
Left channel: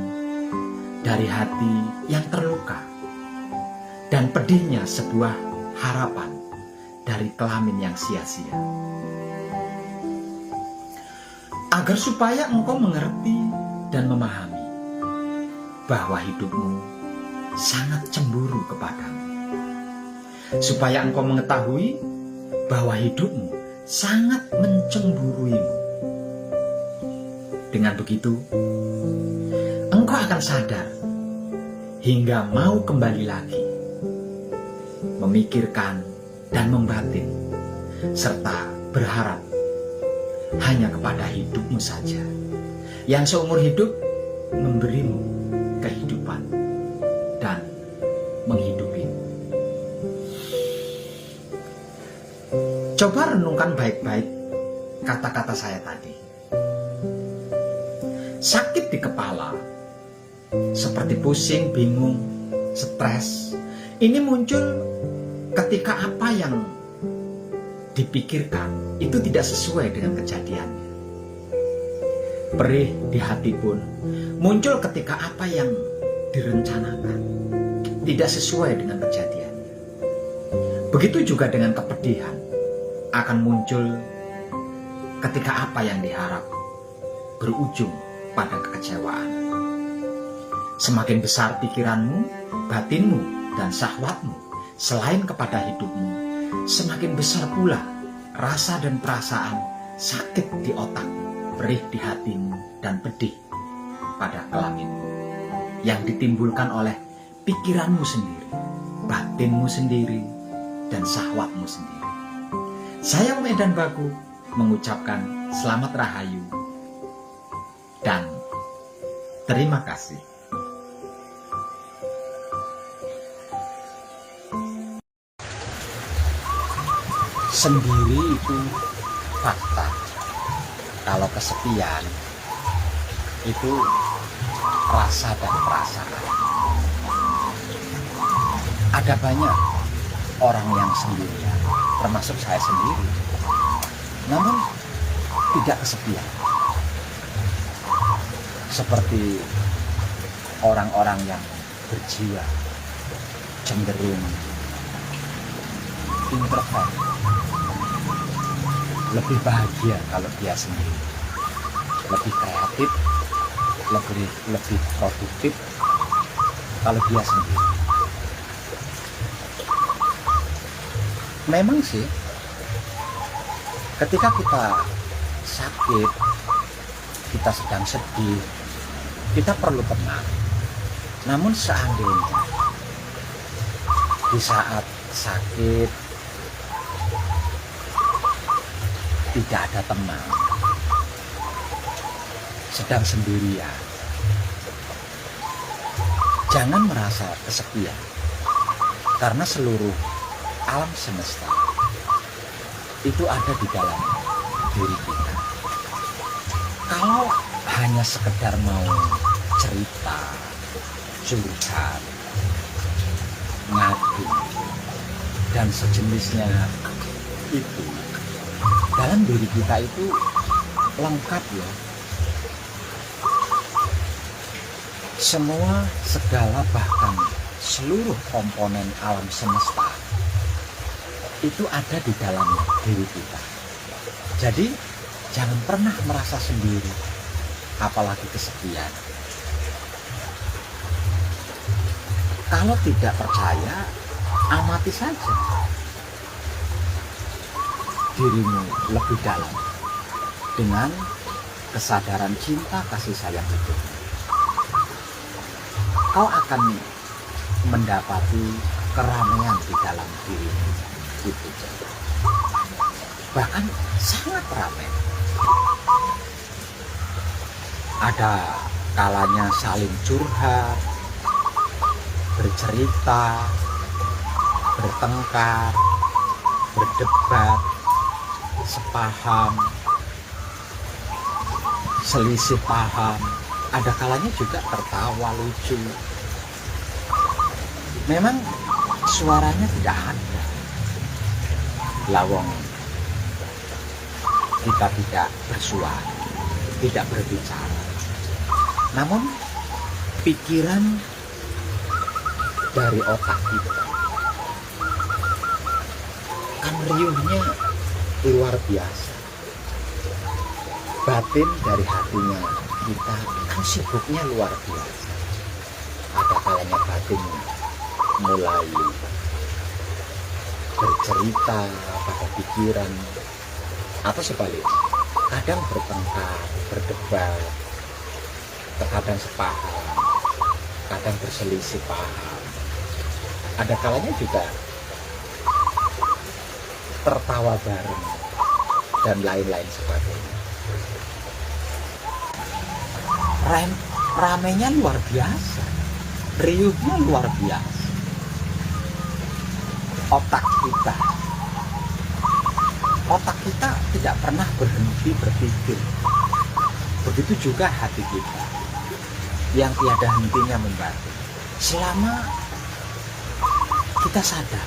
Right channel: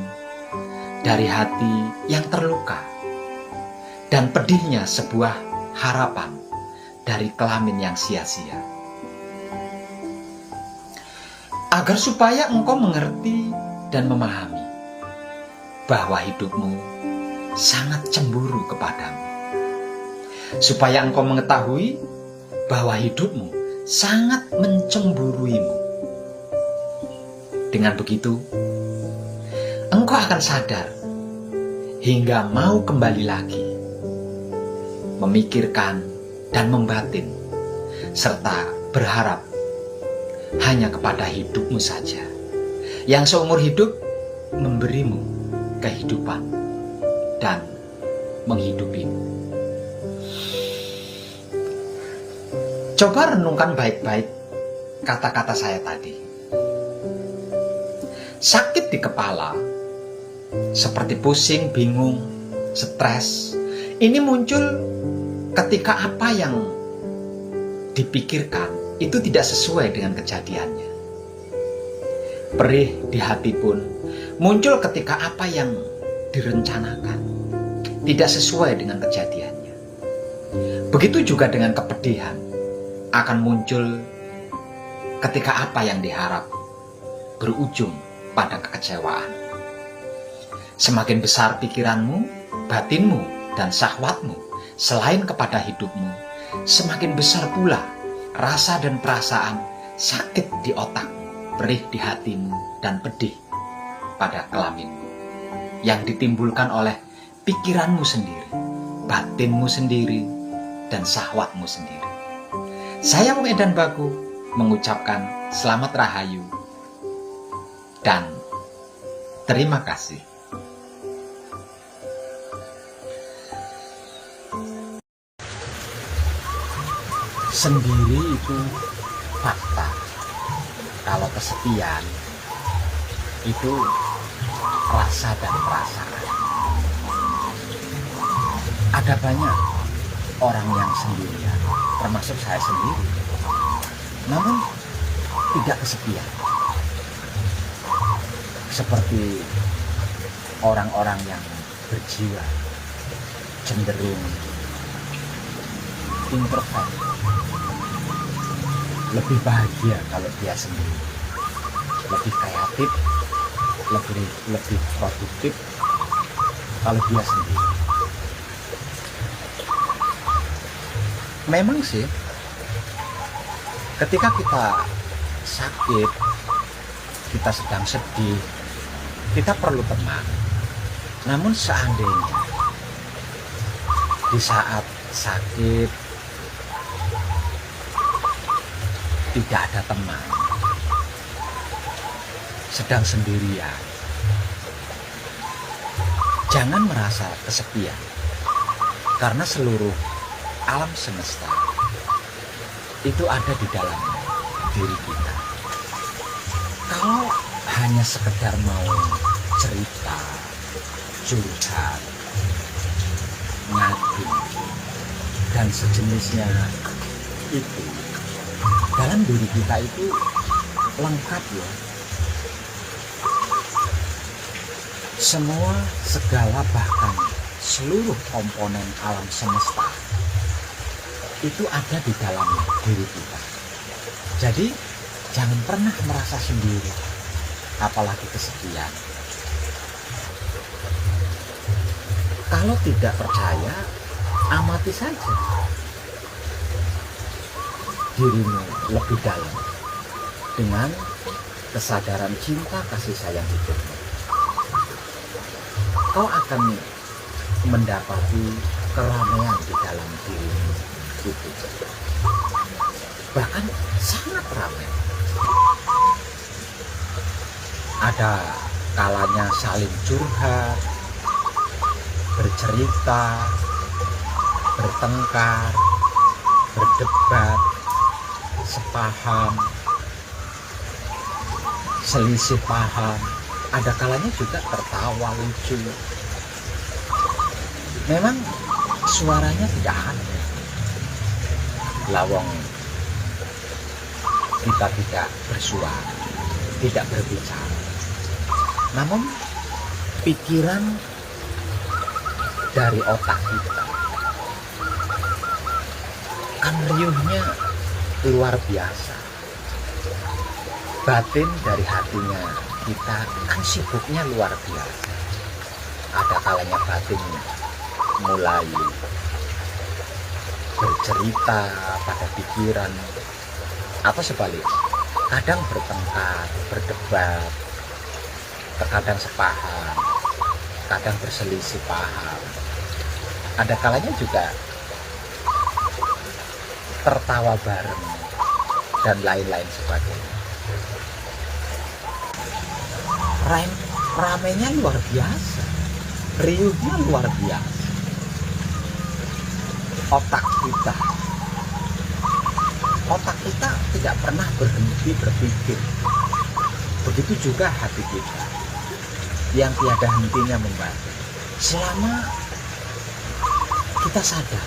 dari hati yang terluka, dan pedihnya sebuah harapan dari kelamin yang sia-sia. Agar supaya engkau mengerti dan memahami bahwa hidupmu sangat cemburu kepadamu. Supaya engkau mengetahui bahwa hidupmu sangat mencemburuimu. Dengan begitu, engkau akan sadar hingga mau kembali lagi memikirkan dan membatin serta berharap hanya kepada hidupmu saja yang seumur hidup memberimu kehidupan dan menghidupimu. Coba renungkan baik-baik kata-kata saya tadi. Sakit di kepala, seperti pusing, bingung, stres, ini muncul ketika apa yang dipikirkan itu tidak sesuai dengan kejadiannya. Perih di hati pun muncul ketika apa yang direncanakan tidak sesuai dengan kejadiannya. Begitu juga dengan kepedihan akan muncul ketika apa yang diharap berujung pada kekecewaan. Semakin besar pikiranmu, batinmu, dan syahwatmu selain kepada hidupmu, semakin besar pula rasa dan perasaan sakit di otakmu, perih di hatimu, dan pedih pada kelaminmu yang ditimbulkan oleh pikiranmu sendiri, batinmu sendiri, dan syahwatmu sendiri. Saya Wong Edan Baku mengucapkan selamat rahayu dan terima kasih. Sendiri itu fakta. Kalau kesepian itu rasa dan perasaan. Ada banyak orang yang sendirian, termasuk saya sendiri, namun tidak kesepian. Seperti orang-orang yang berjiwa cenderung introvert, lebih bahagia kalau dia sendiri, lebih kreatif, lebih produktif kalau dia sendiri. Memang sih, ketika kita sakit, kita sedang sedih, kita perlu teman. Namun seandainya di saat sakit tidak ada teman, sedang sendirian, jangan merasa kesepian, karena seluruh alam semesta itu ada di dalam diri kita. Kalau hanya sekedar mau cerita, curhat, ngadu, dan sejenisnya itu, dalam diri kita itu lengkap loh. Semua, segala, bahkan seluruh komponen alam semesta itu ada di dalam diri kita. Jadi jangan pernah merasa sendiri, apalagi kesepian. Kalau tidak percaya, amati saja dirimu lebih dalam dengan kesadaran cinta kasih sayang hidupmu. Kau akan mendapati keramaian di dalam dirimu itu, bahkan sangat ramai. Ada kalanya saling curhat, bercerita, bertengkar, berdebat, sepaham, selisih paham. Ada kalanya juga tertawa lucu. Memang suaranya tidak ada. Lawang kita tidak bersuara, tidak berbicara. Namun pikiran dari otak kita kan riuhnya luar biasa. Batin dari hatinya kita kan sibuknya luar biasa. Ada kalanya batin mulai bercerita pada pikiran, atau sebaliknya, kadang bertengkar, berdebat, terkadang sepaham, kadang berselisih paham. Ada kalanya juga tertawa bareng dan lain-lain sebagainya. Ramenya luar biasa, riuhnya luar biasa. Otak kita tidak pernah berhenti berpikir. Begitu juga hati kita yang tiada hentinya membaca. Selama kita sadar,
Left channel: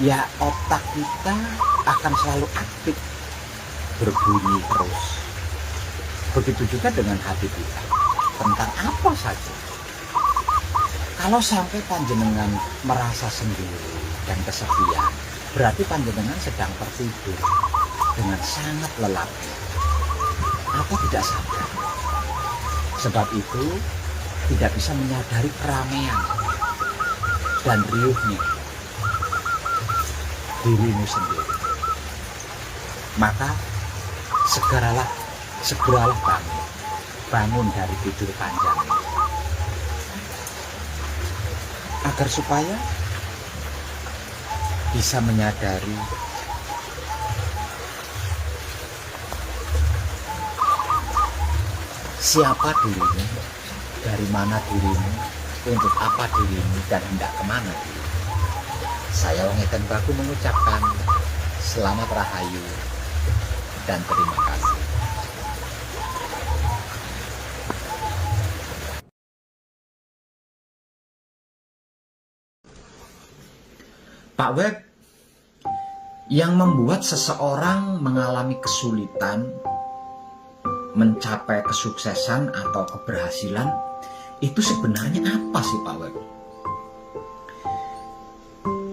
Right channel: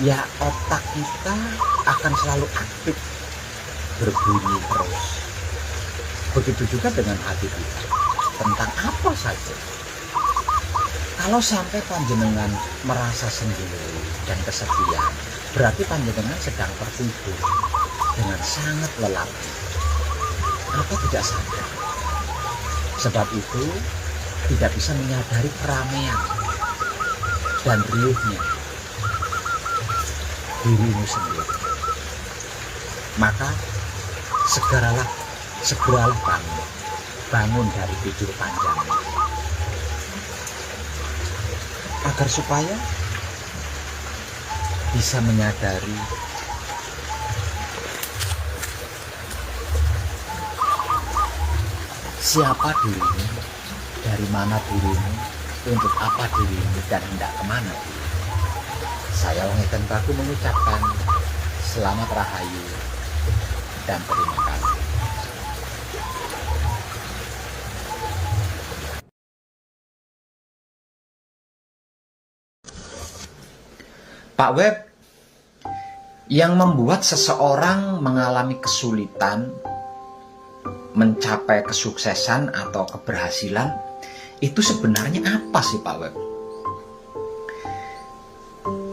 ya otak kita akan selalu aktif, berbunyi terus. Begitu juga dengan hati kita, tentang apa saja. Kalau sampai panjenengan merasa sendiri dan kesepian, berarti panjenengan sedang tertidur dengan sangat lelap atau tidak sadar. Sebab itu tidak bisa menyadari keramaian dan riuhnya dirimu sendiri. Maka segeralah bangun dari tidur panjang, agar supaya bisa menyadari siapa dirimu, dari mana dirimu, untuk apa dirimu, dan hendak kemana dirimu. Saya Wongeten Baku mengucapkan selamat rahayu dan terima kasih. Pak Web, yang membuat seseorang mengalami kesulitan mencapai kesuksesan atau keberhasilan itu sebenarnya apa sih Pak Web?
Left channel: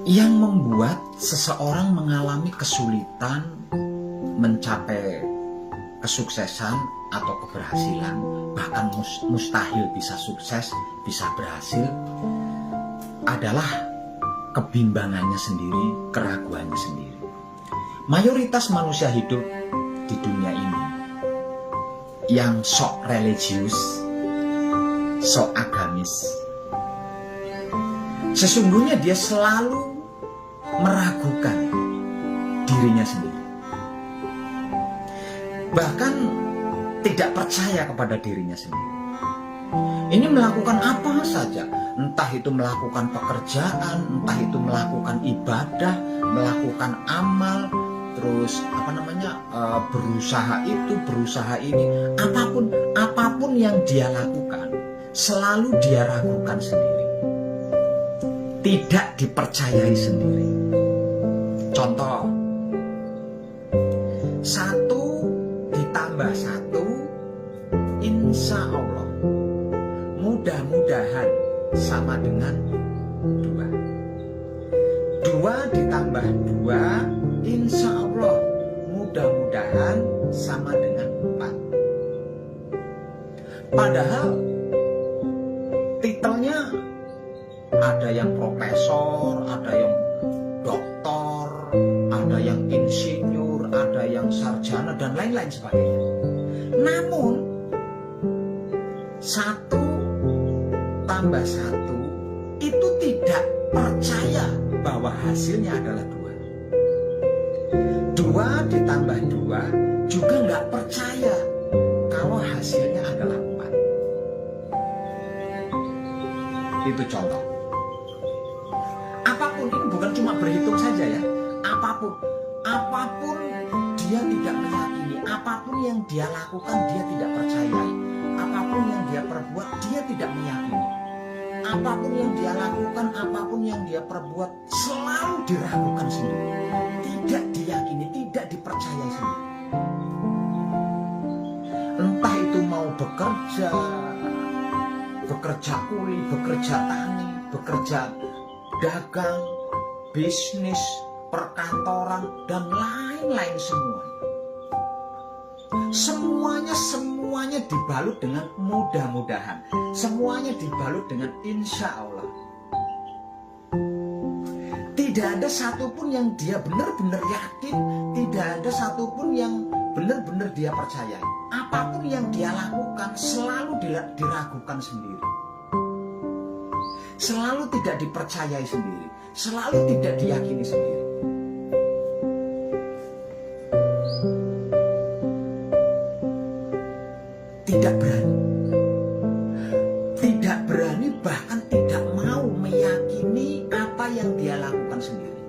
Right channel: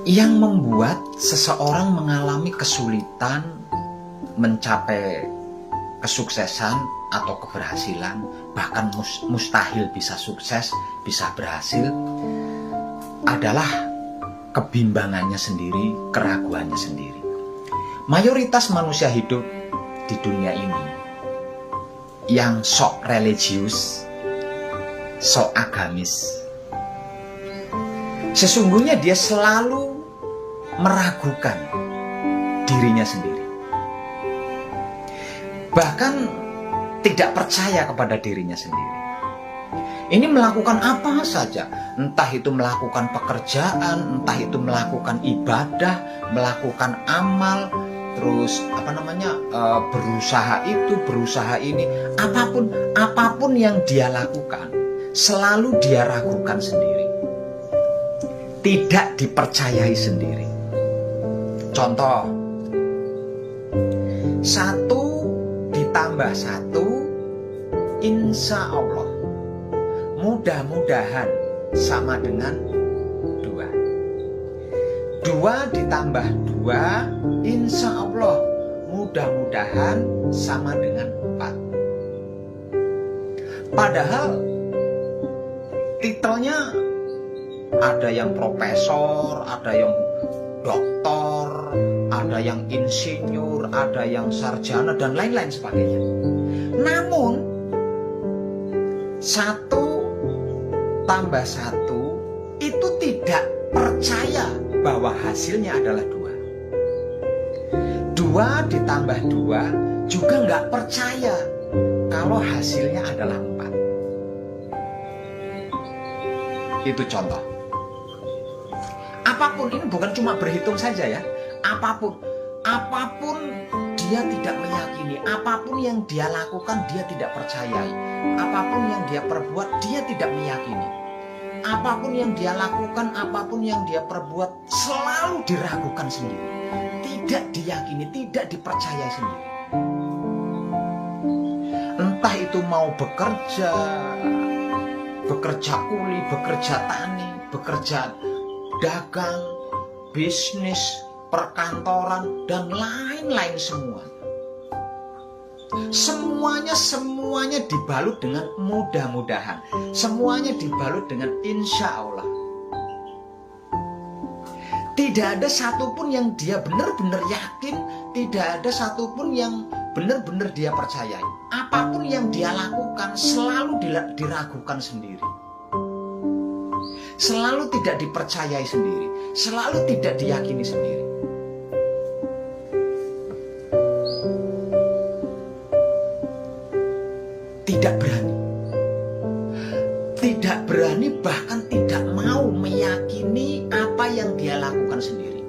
Yang membuat seseorang mengalami kesulitan mencapai kesuksesan atau keberhasilan, bahkan mustahil bisa sukses, bisa berhasil, adalah kebimbangannya sendiri, keraguannya sendiri. Mayoritas manusia hidup di dunia ini yang sok religius, sok agamis, sesungguhnya dia selalu meragukan dirinya sendiri. Bahkan tidak percaya kepada dirinya sendiri. Ini melakukan apa saja, entah itu melakukan pekerjaan, entah itu melakukan ibadah, melakukan amal, terus berusaha itu, berusaha ini, apapun yang dia lakukan, selalu dia ragukan sendiri, tidak dipercayai sendiri. Contoh, 1 ditambah 1, insya Allah, mudah-mudahan sama dengan 2. 2 ditambah 2, insya Allah, mudah-mudahan sama dengan 4. Padahal titelnya ada yang profesor, ada yang doktor, ada yang insinyur, ada yang sarjana, dan lain-lain sebagainya. Namun 1 tambah 1 itu tidak percaya bahwa hasilnya adalah 2. 2 ditambah 2 juga nggak percaya kalau hasilnya adalah 4. Itu contoh. Apapun, ini bukan cuma berhitung saja ya. Apapun dia tidak meyakini, apapun yang dia lakukan dia tidak percayai, apapun yang dia perbuat dia tidak meyakini, apapun yang dia lakukan, apapun yang dia perbuat selalu diragukan sendiri, tidak diyakini, tidak dipercayai sendiri. Entah itu mau bekerja kuli, bekerja tani, bekerja dagang, bisnis, perkantoran, dan lain-lain semua. Semuanya dibalut dengan mudah-mudahan. Semuanya dibalut dengan insya Allah. Tidak ada satupun yang dia benar-benar yakin, tidak ada satupun yang benar-benar dia percayai. Apapun yang dia lakukan selalu diragukan sendiri. Selalu tidak dipercayai sendiri, selalu tidak diyakini sendiri. Tidak berani, bahkan tidak mau meyakini apa yang dia lakukan sendiri.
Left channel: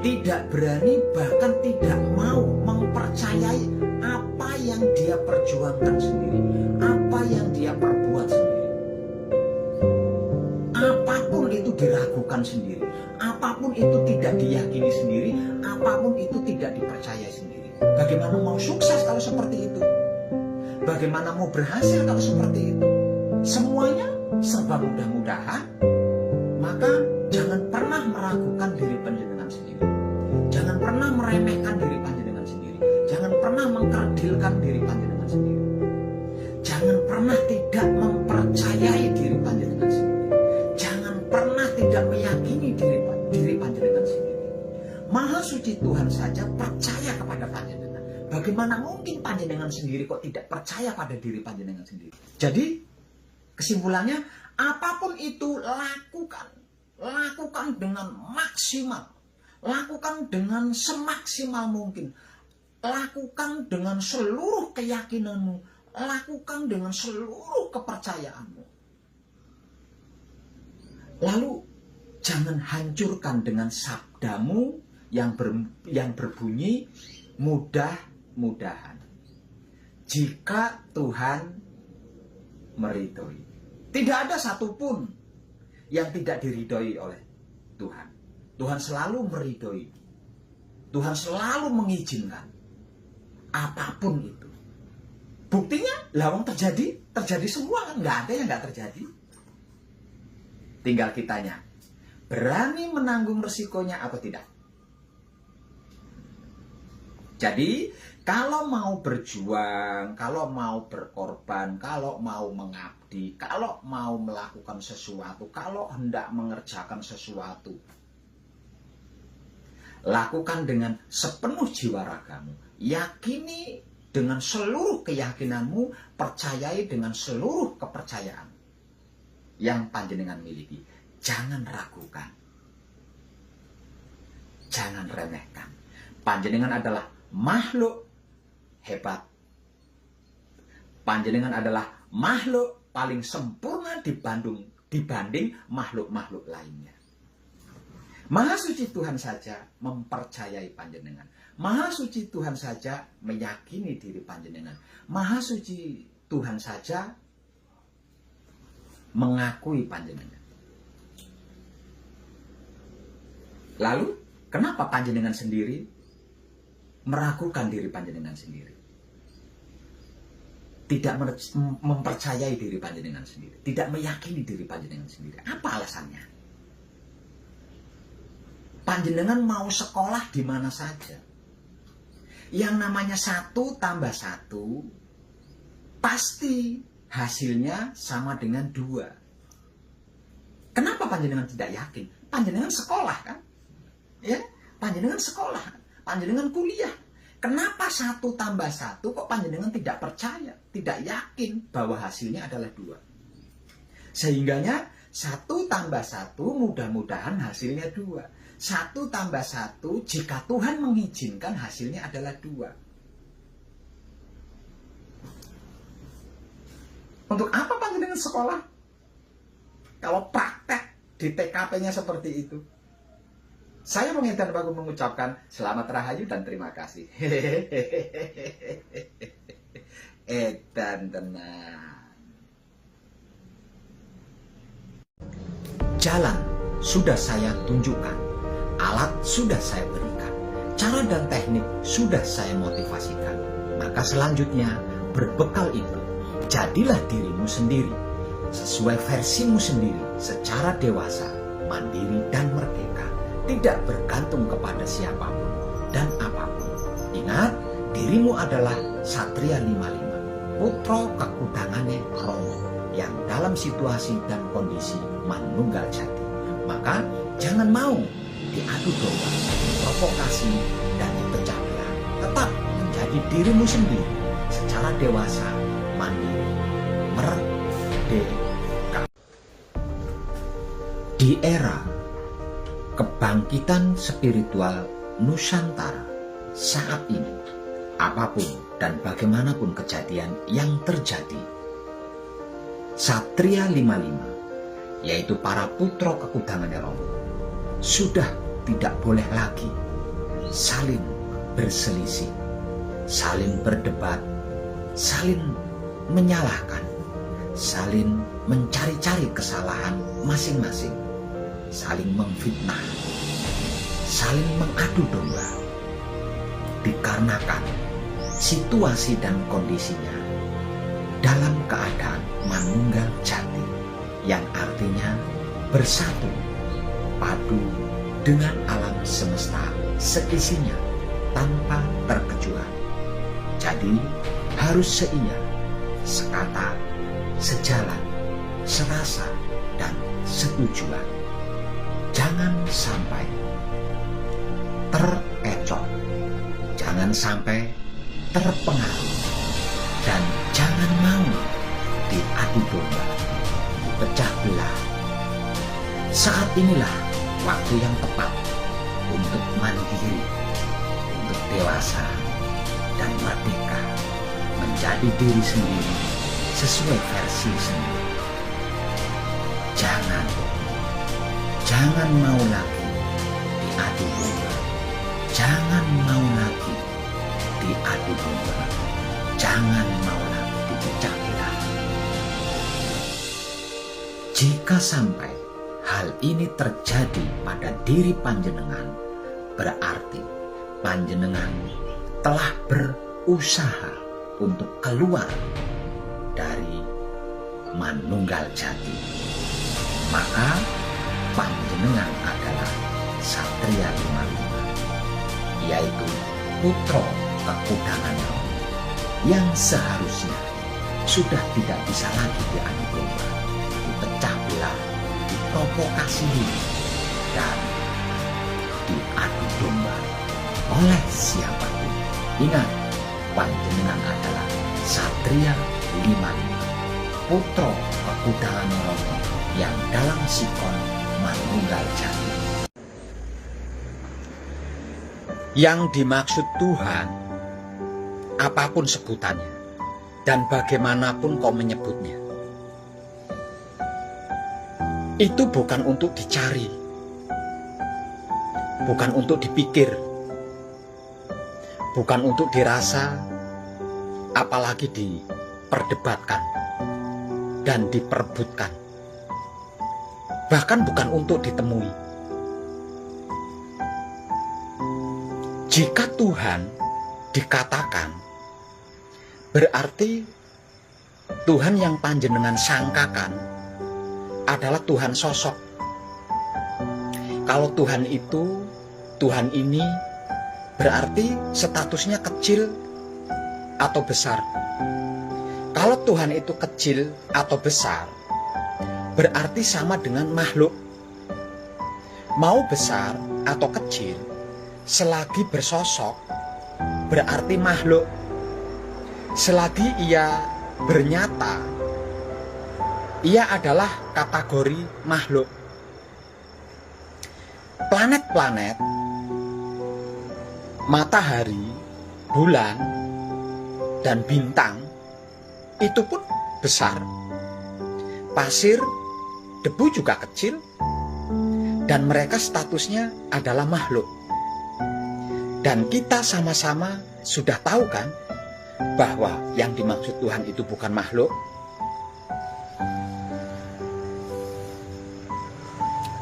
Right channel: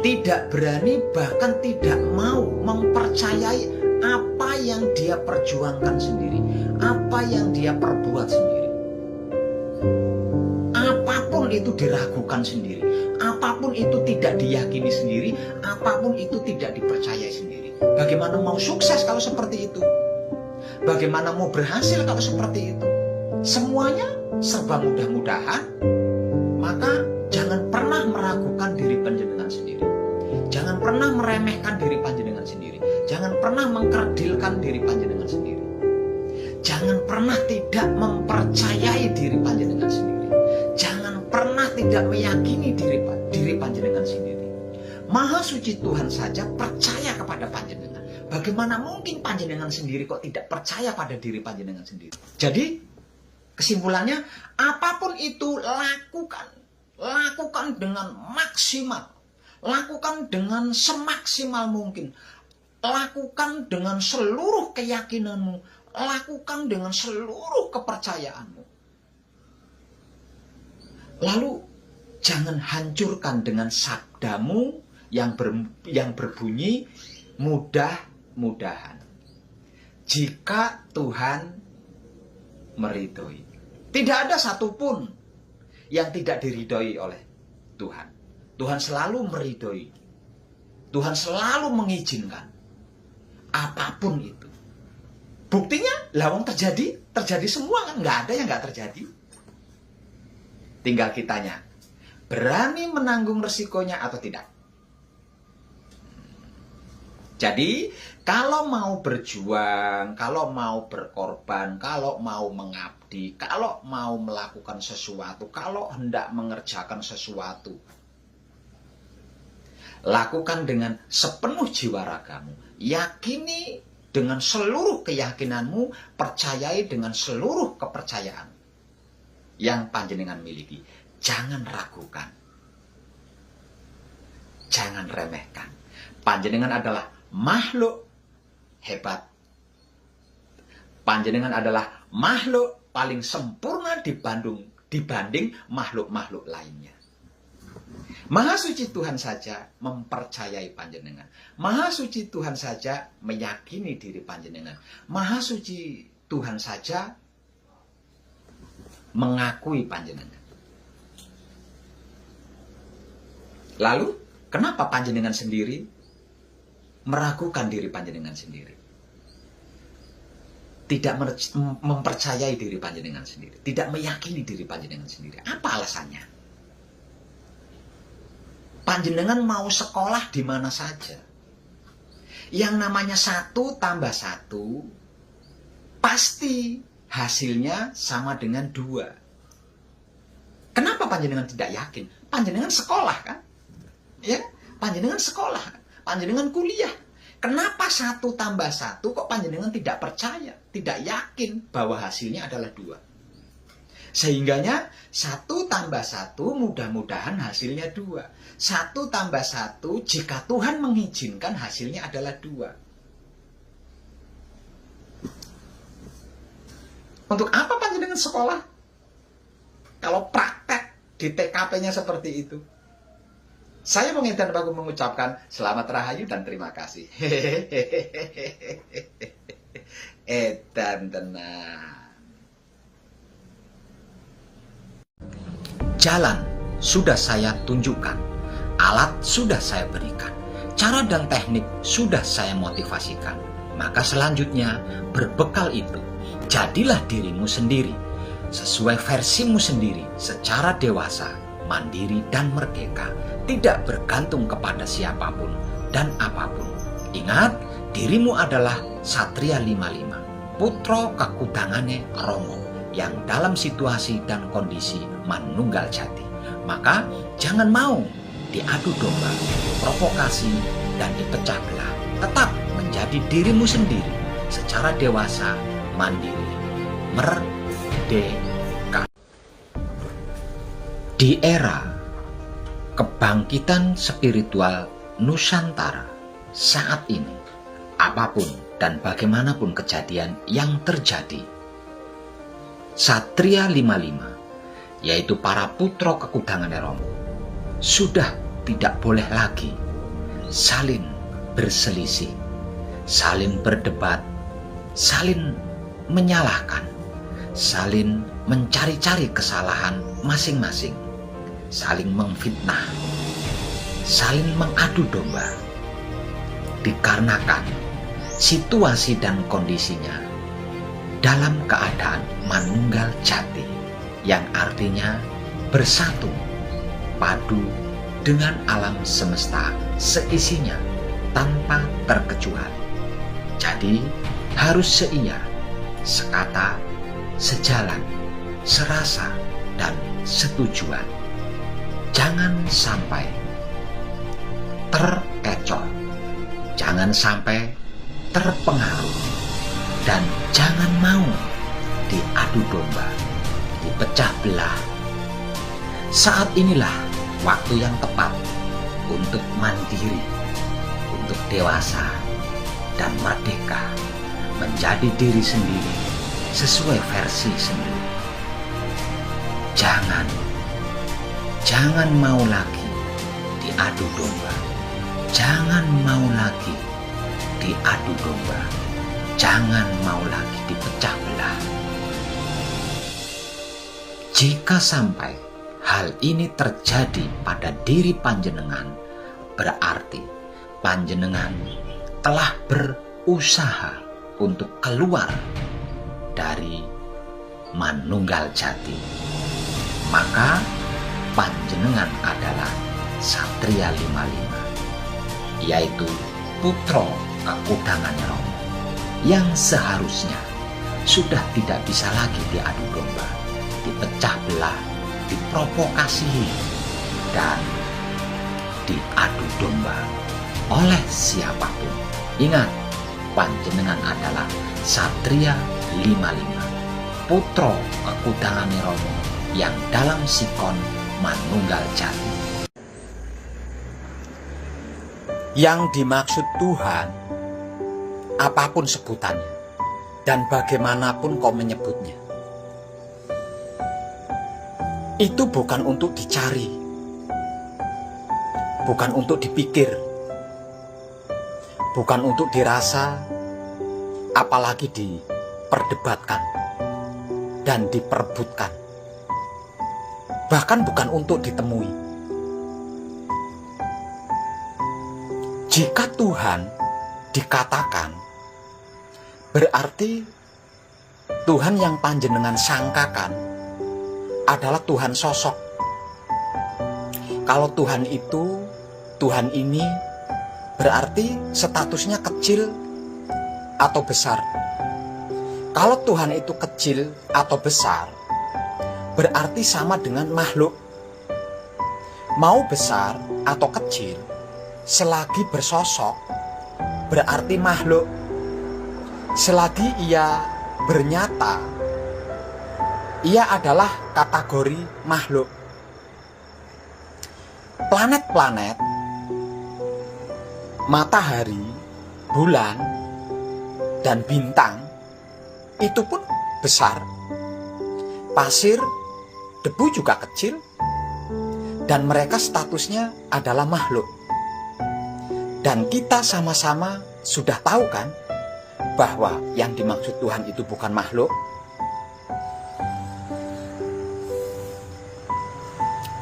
Tidak berani, bahkan tidak mau mempercayai apa yang dia perjuangkan sendiri, apa yang dia perbuat sendiri. Apapun itu diragukan sendiri, apapun itu tidak diyakini sendiri, apapun itu tidak dipercayai sendiri. Bagaimana mau sukses kalau seperti itu? Bagaimana mau berhasil kalau seperti itu? Semuanya serba mudah-mudahan. Maka jangan pernah meragukan diri panjenengan sendiri. Jangan pernah meremehkan diri panjenengan sendiri. Jangan pernah mengkerdilkan diri panjenengan sendiri. Jangan pernah tidak mempercayai diri panjenengan sendiri. Jangan pernah tidak meyakini diri panjenengan sendiri. Maha suci Tuhan saja percaya kepada panjenengan. Bagaimana mungkin panjenengan sendiri kok tidak percaya pada diri panjenengan sendiri? Jadi kesimpulannya, apapun itu lakukan dengan maksimal, lakukan dengan semaksimal mungkin, lakukan dengan seluruh keyakinanmu, lakukan dengan seluruh kepercayaanmu. Lalu jangan hancurkan dengan sabdamu yang berbunyi mudah-mudahan. Jika Tuhan meridhoi. Tidak ada satupun yang tidak diridhoi oleh Tuhan. Tuhan selalu meridhoi. Tuhan selalu mengizinkan. Apapun itu. Buktinya, lawang terjadi semua kan. Nggak ada yang nggak terjadi. Tinggal kitanya, berani menanggung resikonya atau tidak. Jadi, kalau mau berjuang, kalau mau berkorban, kalau mau mengabdi, kalau mau melakukan sesuatu, kalau hendak mengerjakan sesuatu, lakukan dengan sepenuh jiwa ragamu. Yakini dengan seluruh keyakinanmu, percayai dengan seluruh kepercayaan yang panjenengan miliki. Jangan ragukan. Jangan remehkan. Panjenengan adalah makhluk hebat. Panjenengan adalah makhluk paling sempurna dibanding makhluk-makhluk lainnya. Maha suci Tuhan saja mempercayai panjenengan. Maha suci Tuhan saja meyakini diri panjenengan. Maha suci Tuhan saja mengakui panjenengan. Lalu, kenapa panjenengan sendiri meragukan diri panjenengan sendiri? Tidak mempercayai diri panjenengan sendiri. Tidak meyakini diri panjenengan sendiri. Apa alasannya? Panjenengan mau sekolah di mana saja. Yang namanya 1 tambah 1 pasti hasilnya sama dengan 2. Kenapa panjenengan tidak yakin? Panjenengan sekolah kan? Ya, panjenengan sekolah, panjenengan kuliah. Kenapa 1 tambah 1 kok panjenengan tidak percaya, tidak yakin bahwa hasilnya adalah 2? Sehingganya 1 tambah 1 mudah-mudahan hasilnya 2. 1 tambah 1 jika Tuhan mengizinkan hasilnya adalah 2. Untuk apa panjenengan sekolah? Kalau praktek di TKP-nya seperti itu. Saya menginginkan bagus mengucapkan selamat rahayu dan terima kasih. Edan tenan. Jalan sudah saya tunjukkan. Alat sudah saya berikan, cara dan teknik sudah saya motivasikan. Maka selanjutnya, berbekal itu, jadilah dirimu sendiri, sesuai versimu sendiri, secara dewasa, mandiri dan merdeka, tidak bergantung kepada siapapun dan apapun. Ingat, dirimu adalah Satria 55, putra kekudangane Romo, yang dalam situasi dan kondisi manunggal jati. Maka jangan mau diadu domba, provokasi, dan dipecah belah. Tetap menjadi dirimu sendiri secara dewasa, mandiri, merdeka. Di era kebangkitan spiritual Nusantara saat ini, apapun dan bagaimanapun kejadian yang terjadi, Satria 55, yaitu para putra kekudangan Romo, sudah tidak boleh lagi saling berselisih, saling berdebat, saling menyalahkan, saling mencari-cari kesalahan masing-masing, saling memfitnah, saling mengadu domba. Dikarenakan situasi dan kondisinya dalam keadaan manunggal jati, yang artinya bersatu, padu dengan alam semesta seisinya tanpa terkecuali. Jadi harus seia, sekata, sejalan, serasa, dan setujuan. Jangan sampai terkecoh, jangan sampai terpengaruh, dan jangan mau diadu domba, dipecah belah. Saat inilah waktu yang tepat untuk mandiri, untuk dewasa dan merdeka, menjadi diri sendiri sesuai versi sendiri. Jangan mau lagi diadu domba, jangan mau lagi diadu domba, jangan mau lagi dipecah belah. Jika sampai hal ini terjadi pada diri panjenengan, berarti panjenengan telah berusaha untuk keluar dari manunggal jati. Maka panjenengan adalah Satria 55, yaitu putra kekudangan Romo, yang seharusnya sudah tidak bisa lagi diadu domba, dipecah belah, diprovokasi, dan diadu domba oleh siapapun. Ingat, panjenengan adalah Satria 55, putra kekudangan Romo, yang dalam sikon manunggal jati. Yang dimaksud Tuhan, apapun sebutannya dan bagaimanapun kau menyebutnya, itu bukan untuk dicari, bukan untuk dipikir, bukan untuk dirasa, apalagi diperdebatkan dan diperebutkan. Bahkan bukan untuk ditemui. Jika Tuhan dikatakan, berarti Tuhan yang panjenengan sangkakan adalah Tuhan sosok. Kalau Tuhan itu, Tuhan ini, berarti statusnya kecil atau besar. Kalau Tuhan itu kecil atau besar, berarti sama dengan makhluk. Mau besar atau kecil, selagi bersosok, berarti makhluk. Selagi ia bernyata, ia adalah kategori makhluk. Planet-planet, matahari, bulan, dan bintang itu pun besar. Pasir, debu juga kecil, dan mereka statusnya adalah makhluk. Dan kita sama-sama sudah tahu kan bahwa yang dimaksud Tuhan itu bukan makhluk.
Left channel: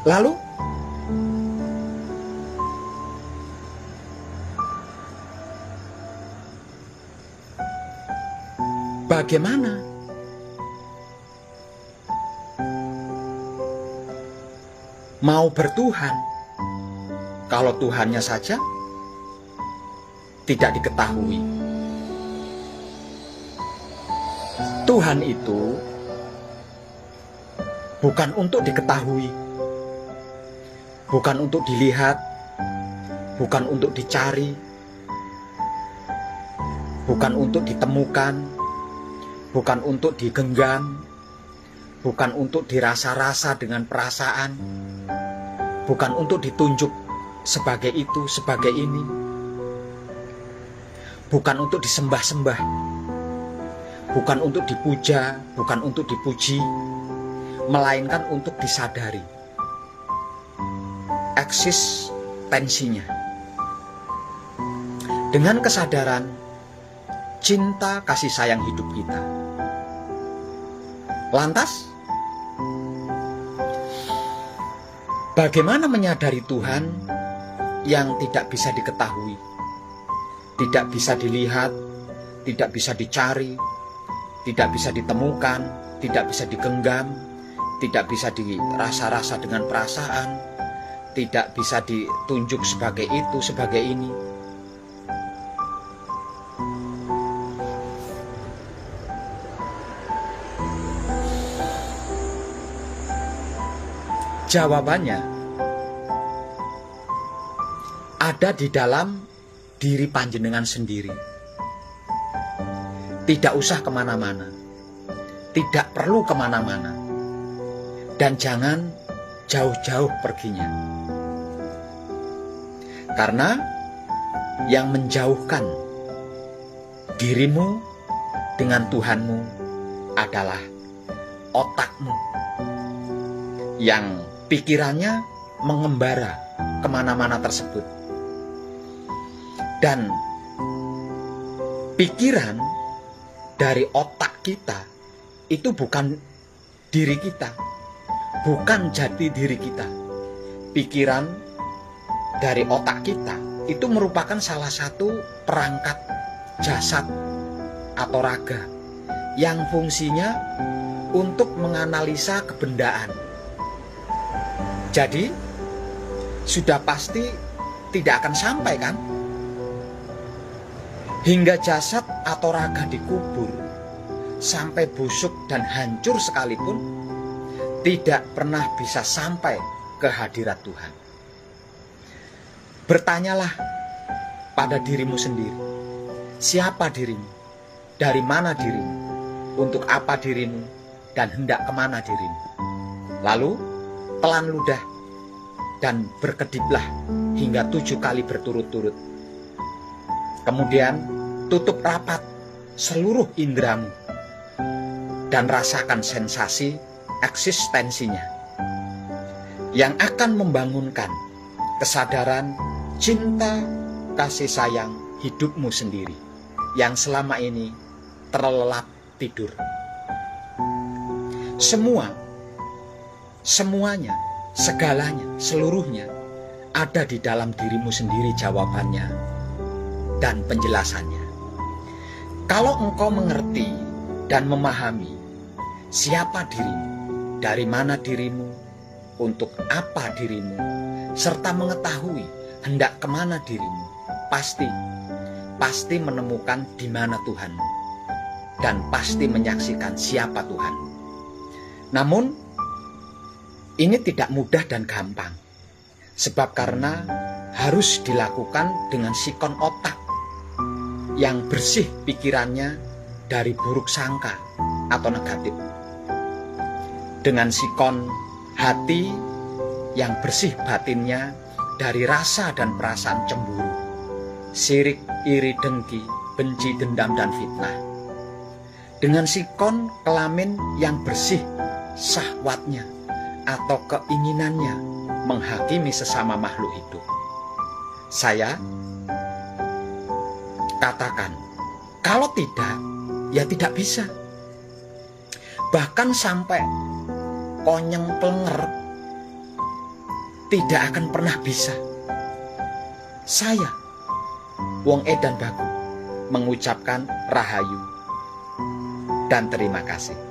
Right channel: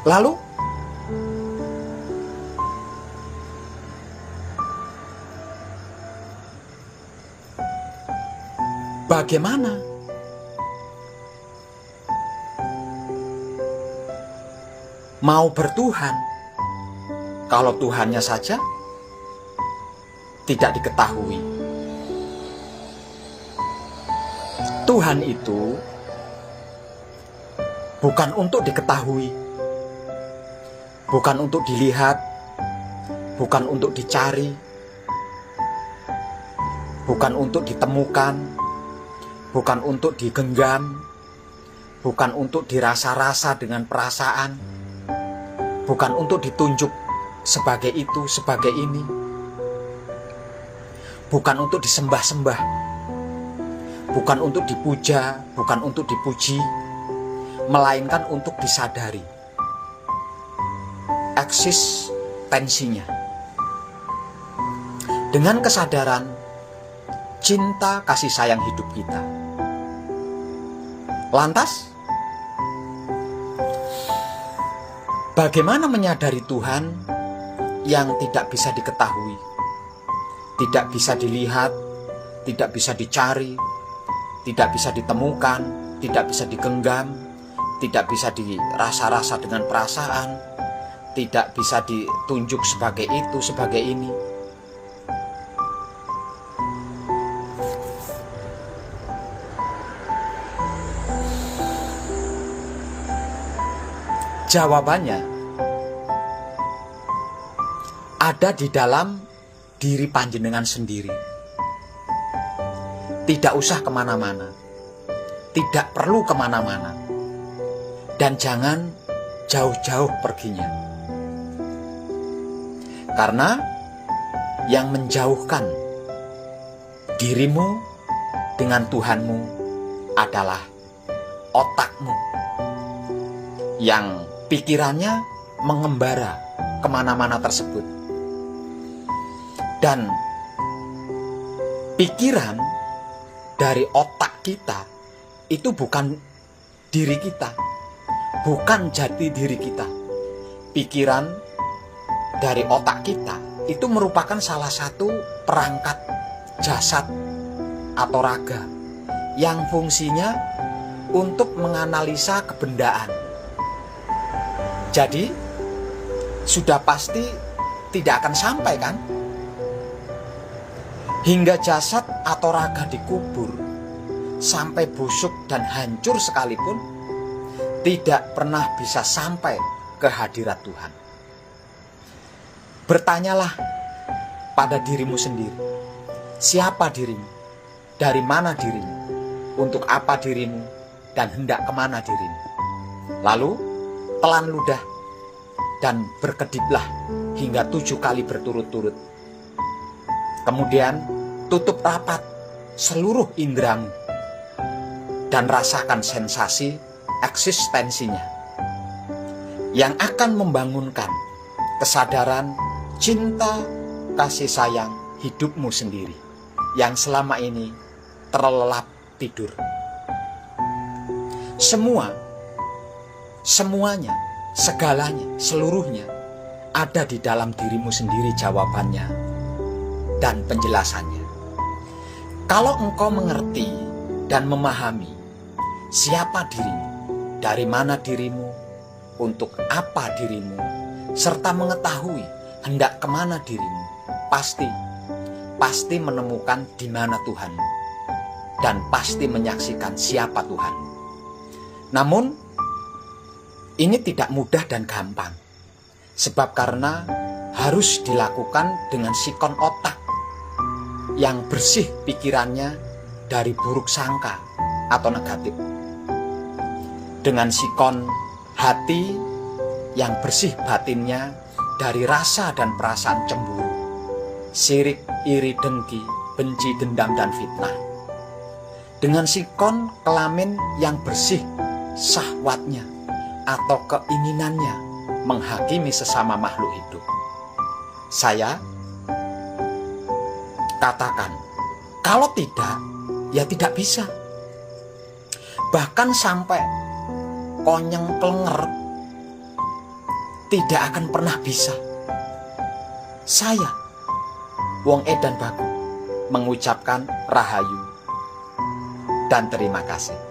Lalu bagaimana? Mau bertuhan, kalau Tuhannya saja tidak diketahui. Tuhan itu bukan untuk diketahui, bukan untuk dilihat, bukan untuk dicari, bukan untuk ditemukan, bukan untuk digenggam, bukan untuk dirasa-rasa dengan perasaan, bukan untuk ditunjuk sebagai itu, sebagai ini, bukan untuk disembah-sembah, bukan untuk dipuja, bukan untuk dipuji, melainkan untuk disadari eksistensinya. Dengan kesadaran cinta kasih sayang hidup kita. Lantas, bagaimana menyadari Tuhan yang tidak bisa diketahui, tidak bisa dilihat, tidak bisa dicari, tidak bisa ditemukan, tidak bisa digenggam, tidak bisa dirasa-rasa dengan perasaan, tidak bisa ditunjuk sebagai itu, sebagai ini. Jawabannya ada di dalam diri panjenengan sendiri. Tidak usah kemana-mana, tidak perlu kemana-mana, dan jangan jauh-jauh perginya. Karena yang menjauhkan dirimu dengan Tuhanmu adalah otakmu yang pikirannya mengembara kemana-mana tersebut. Dan pikiran dari otak kita itu bukan diri kita, bukan jati diri kita. Pikiran dari otak kita itu merupakan salah satu perangkat jasad atau raga yang fungsinya untuk menganalisa kebendaan. Jadi sudah pasti tidak akan sampai, kan? Hingga jasad atau raga dikubur sampai busuk dan hancur sekalipun tidak pernah bisa sampai ke hadirat Tuhan. Bertanyalah pada dirimu sendiri, siapa dirimu, dari mana dirimu, untuk apa dirimu, dan hendak kemana dirimu. Lalu telan ludah dan berkediplah hingga 7 kali berturut-turut. Kemudian tutup rapat seluruh indramu dan rasakan sensasi eksistensinya yang akan membangunkan kesadaran cinta kasih sayang hidupmu sendiri yang selama ini terlelap tidur. Semuanya, segalanya, seluruhnya ada di dalam dirimu sendiri jawabannya dan penjelasannya. Kalau engkau mengerti dan memahami siapa dirimu, dari mana dirimu, untuk apa dirimu, serta mengetahui hendak kemana dirimu, pasti menemukan di mana Tuhanmu, dan pasti menyaksikan siapa Tuhanmu. Namun ini tidak mudah dan gampang, sebab karena harus dilakukan dengan sikon otak yang bersih pikirannya dari buruk sangka atau negatif, dengan sikon hati yang bersih batinnya dari rasa dan perasaan cemburu, sirik, iri, dengki, benci, dendam, dan fitnah, dengan sikon kelamin yang bersih syahwatnya atau keinginannya menghakimi sesama makhluk hidup. Saya katakan, kalau tidak, ya tidak bisa. Bahkan sampai konyeng plenger tidak akan pernah bisa. Saya, Wong Edan Bagu, mengucapkan rahayu. dan terima kasih.